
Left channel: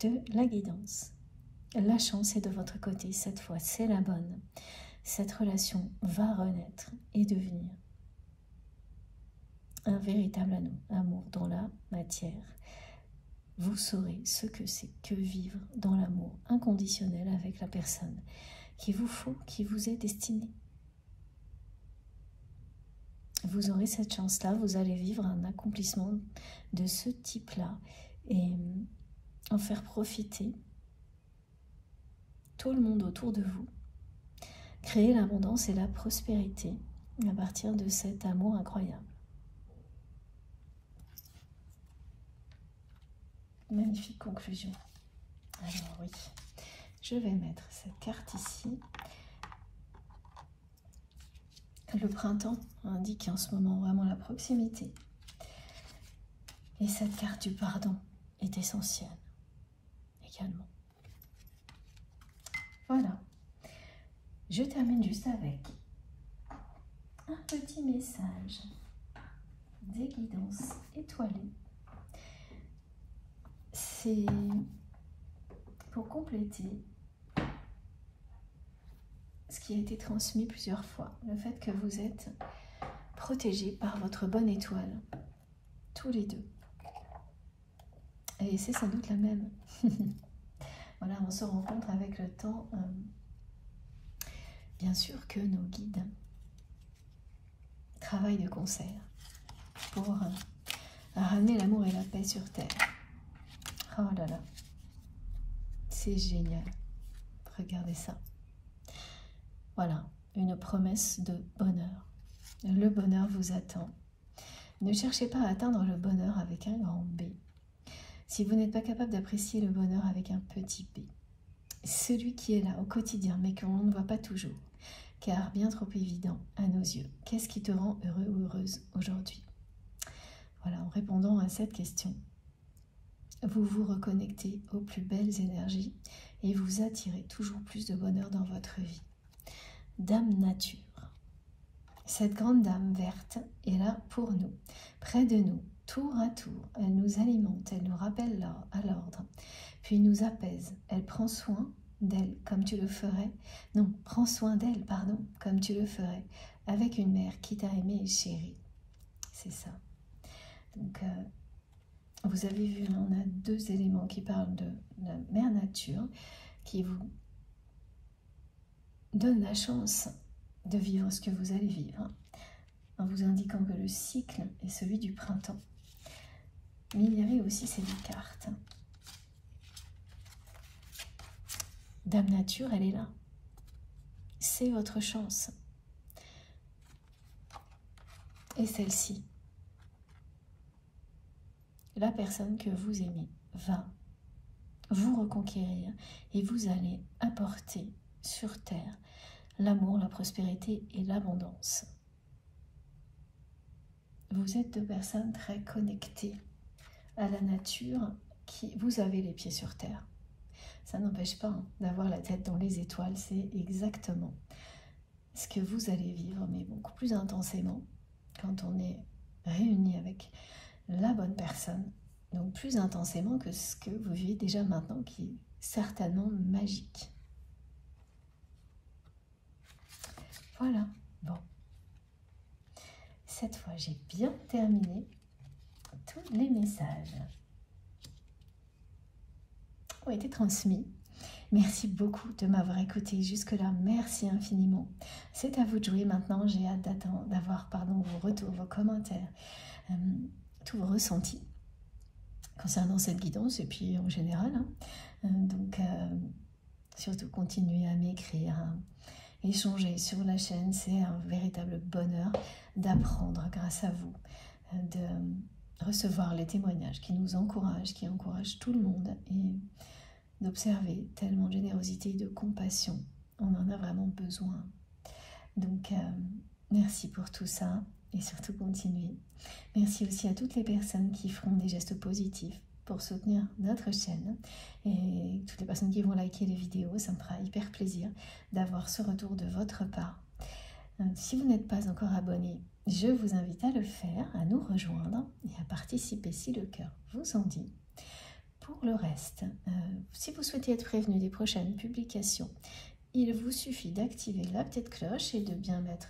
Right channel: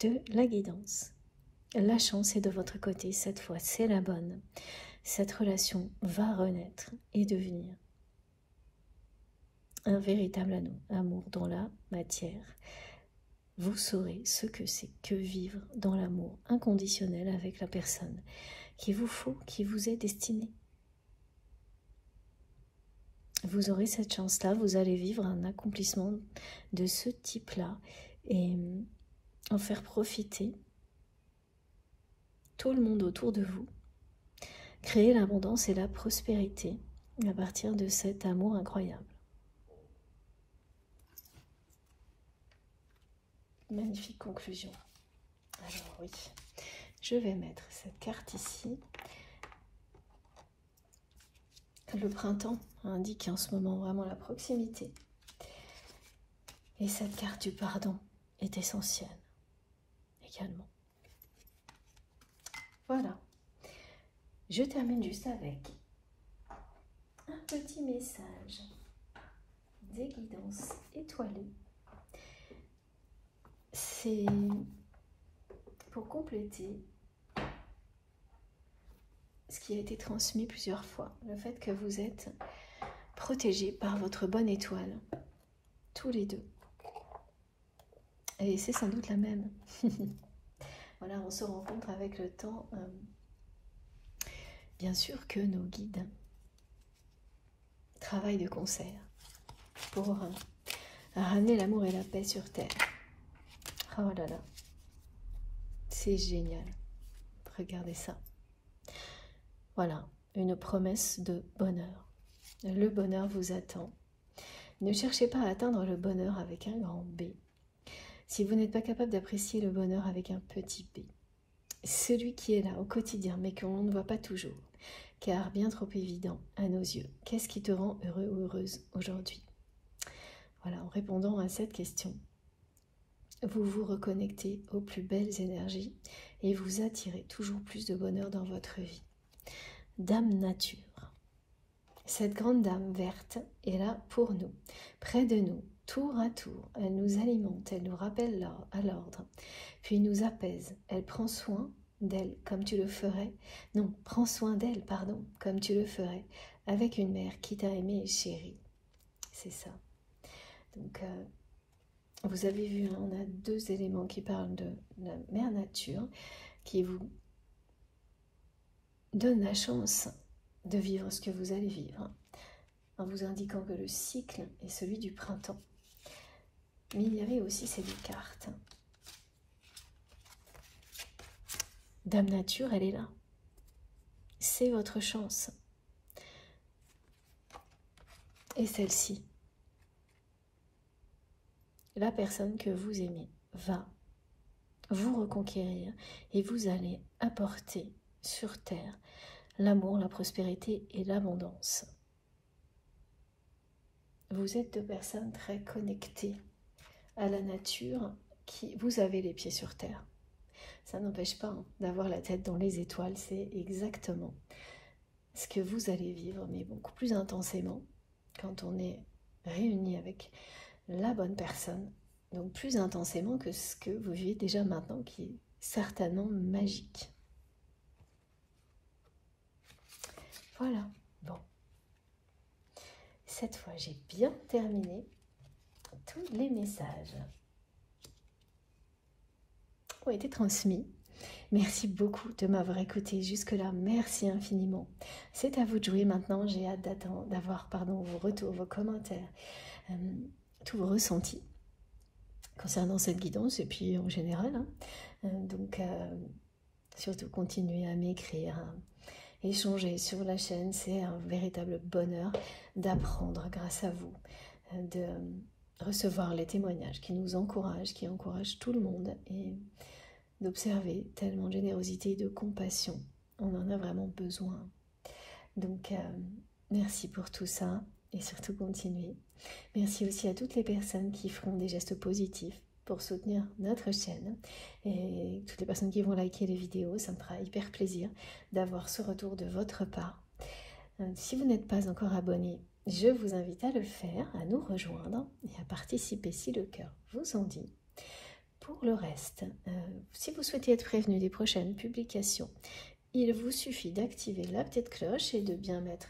de la guidance. La chance est de votre côté, cette fois c'est la bonne. Cette relation va renaître et devenir un véritable amour dans la matière. Vous saurez ce que c'est que vivre dans l'amour inconditionnel avec la personne qu'il vous faut, qui vous est destinée. Vous aurez cette chance-là, vous allez vivre un accomplissement de ce type-là et en faire profiter tout le monde autour de vous. Créer l'abondance et la prospérité à partir de cet amour incroyable. Magnifique conclusion. Alors oui, je vais mettre cette carte ici. Le printemps indique en ce moment vraiment la proximité. Et cette carte du pardon est essentielle également. Voilà. Je termine juste avec un petit message des guidances étoilées. C'est pour compléter ce qui a été transmis plusieurs fois, le fait que vous êtes protégés par votre bonne étoile, tous les deux. Et c'est sans doute la même. Voilà, on se rencontre avec le temps. Bien sûr que nos guides travaillent de concert pour ramener l'amour et la paix sur Terre. Oh là là, c'est génial. Regardez ça. Voilà, une promesse de bonheur. Le bonheur vous attend. Ne cherchez pas à atteindre le bonheur avec un grand B. Si vous n'êtes pas capable d'apprécier le bonheur avec un petit b, celui qui est là au quotidien, mais qu'on ne voit pas toujours, car bien trop évident à nos yeux, qu'est-ce qui te rend heureux ou heureuse aujourd'hui? Voilà, en répondant à cette question, vous vous reconnectez aux plus belles énergies et vous attirez toujours plus de bonheur dans votre vie. Dame Nature, cette grande dame verte est là pour nous, près de nous, tour à tour. Elle nous alimente, elle nous rappelle à l'ordre, puis nous apaise. Elle prend soin d'elle comme tu le ferais, non, prends soin d'elle, pardon, comme tu le ferais, avec une mère qui t'a aimé et chérie. C'est ça. Donc, vous avez vu, là, on a deux éléments qui parlent de la mère nature, qui vous donne la chance de vivre ce que vous allez vivre, en vous indiquant que le cycle est celui du printemps. Mais il y avait aussi ces deux cartes. Dame Nature, elle est là. C'est votre chance. Et celle-ci, la personne que vous aimez va vous reconquérir et vous allez apporter sur Terre l'amour, la prospérité et l'abondance. Vous êtes deux personnes très connectées à la nature, qui vous avez les pieds sur Terre. Ça n'empêche pas d'avoir la tête dans les étoiles, c'est exactement ce que vous allez vivre, mais beaucoup plus intensément quand on est réunis avec la bonne personne, donc plus intensément que ce que vous vivez déjà maintenant, qui est certainement magique. Voilà, bon. Cette fois, j'ai bien terminé tous les messages ont été transmis. Merci beaucoup de m'avoir écouté jusque-là. Merci infiniment. C'est à vous de jouer maintenant. J'ai hâte d'avoir vos retours, vos commentaires, tous vos ressentis concernant cette guidance et puis en général. Donc, surtout continuez à m'écrire, échanger sur la chaîne. C'est un véritable bonheur d'apprendre grâce à vous, de recevoir les témoignages qui nous encouragent, qui encouragent tout le monde et d'observer tellement de générosité et de compassion. On en a vraiment besoin. Donc, merci pour tout ça et surtout continuez. Merci aussi à toutes les personnes qui feront des gestes positifs pour soutenir notre chaîne et toutes les personnes qui vont liker les vidéos. Ça me fera hyper plaisir d'avoir ce retour de votre part. Si vous n'êtes pas encore abonné, je vous invite à le faire, à nous rejoindre et à participer si le cœur vous en dit, pour le reste, si vous souhaitez être prévenu des prochaines publications, il vous suffit d'activer la petite cloche et de bien mettre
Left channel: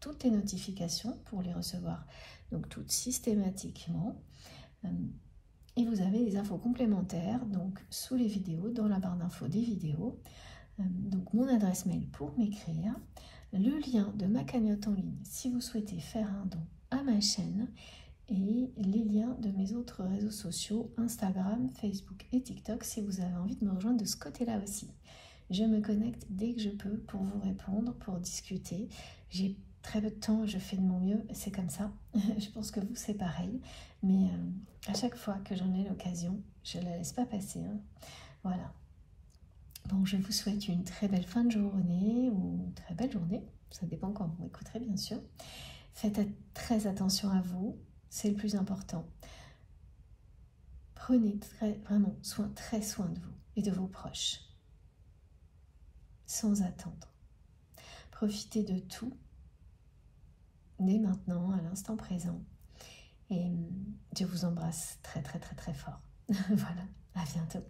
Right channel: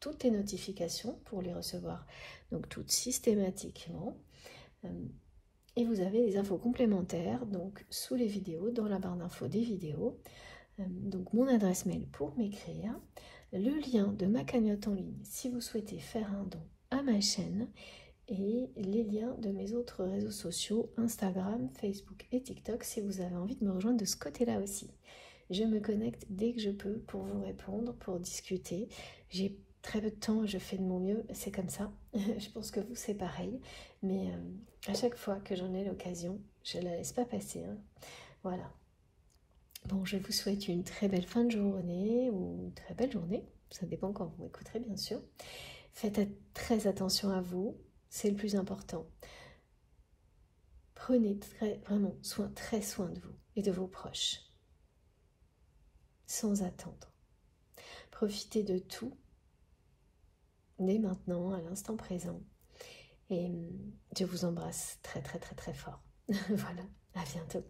toutes les notifications pour les recevoir, donc toutes systématiquement. Et vous avez des infos complémentaires donc sous les vidéos, dans la barre d'infos des vidéos. Donc mon adresse mail pour m'écrire, le lien de ma cagnotte en ligne si vous souhaitez faire un don à ma chaîne, et les liens de mes autres réseaux sociaux, Instagram, Facebook et TikTok, si vous avez envie de me rejoindre de ce côté-là aussi. Je me connecte dès que je peux pour vous répondre, pour discuter. J'ai très peu de temps, je fais de mon mieux, c'est comme ça. Je pense que vous, c'est pareil. Mais à chaque fois que j'en ai l'occasion, je ne la laisse pas passer. Hein. Voilà. Bon, je vous souhaite une très belle fin de journée ou une très belle journée. Ça dépend quand vous m'écouterez, bien sûr. Faites très attention à vous. C'est le plus important. Prenez vraiment très soin de vous et de vos proches. Sans attendre. Profitez de tout, dès maintenant, à l'instant présent. Et je vous embrasse très fort. Voilà, à bientôt.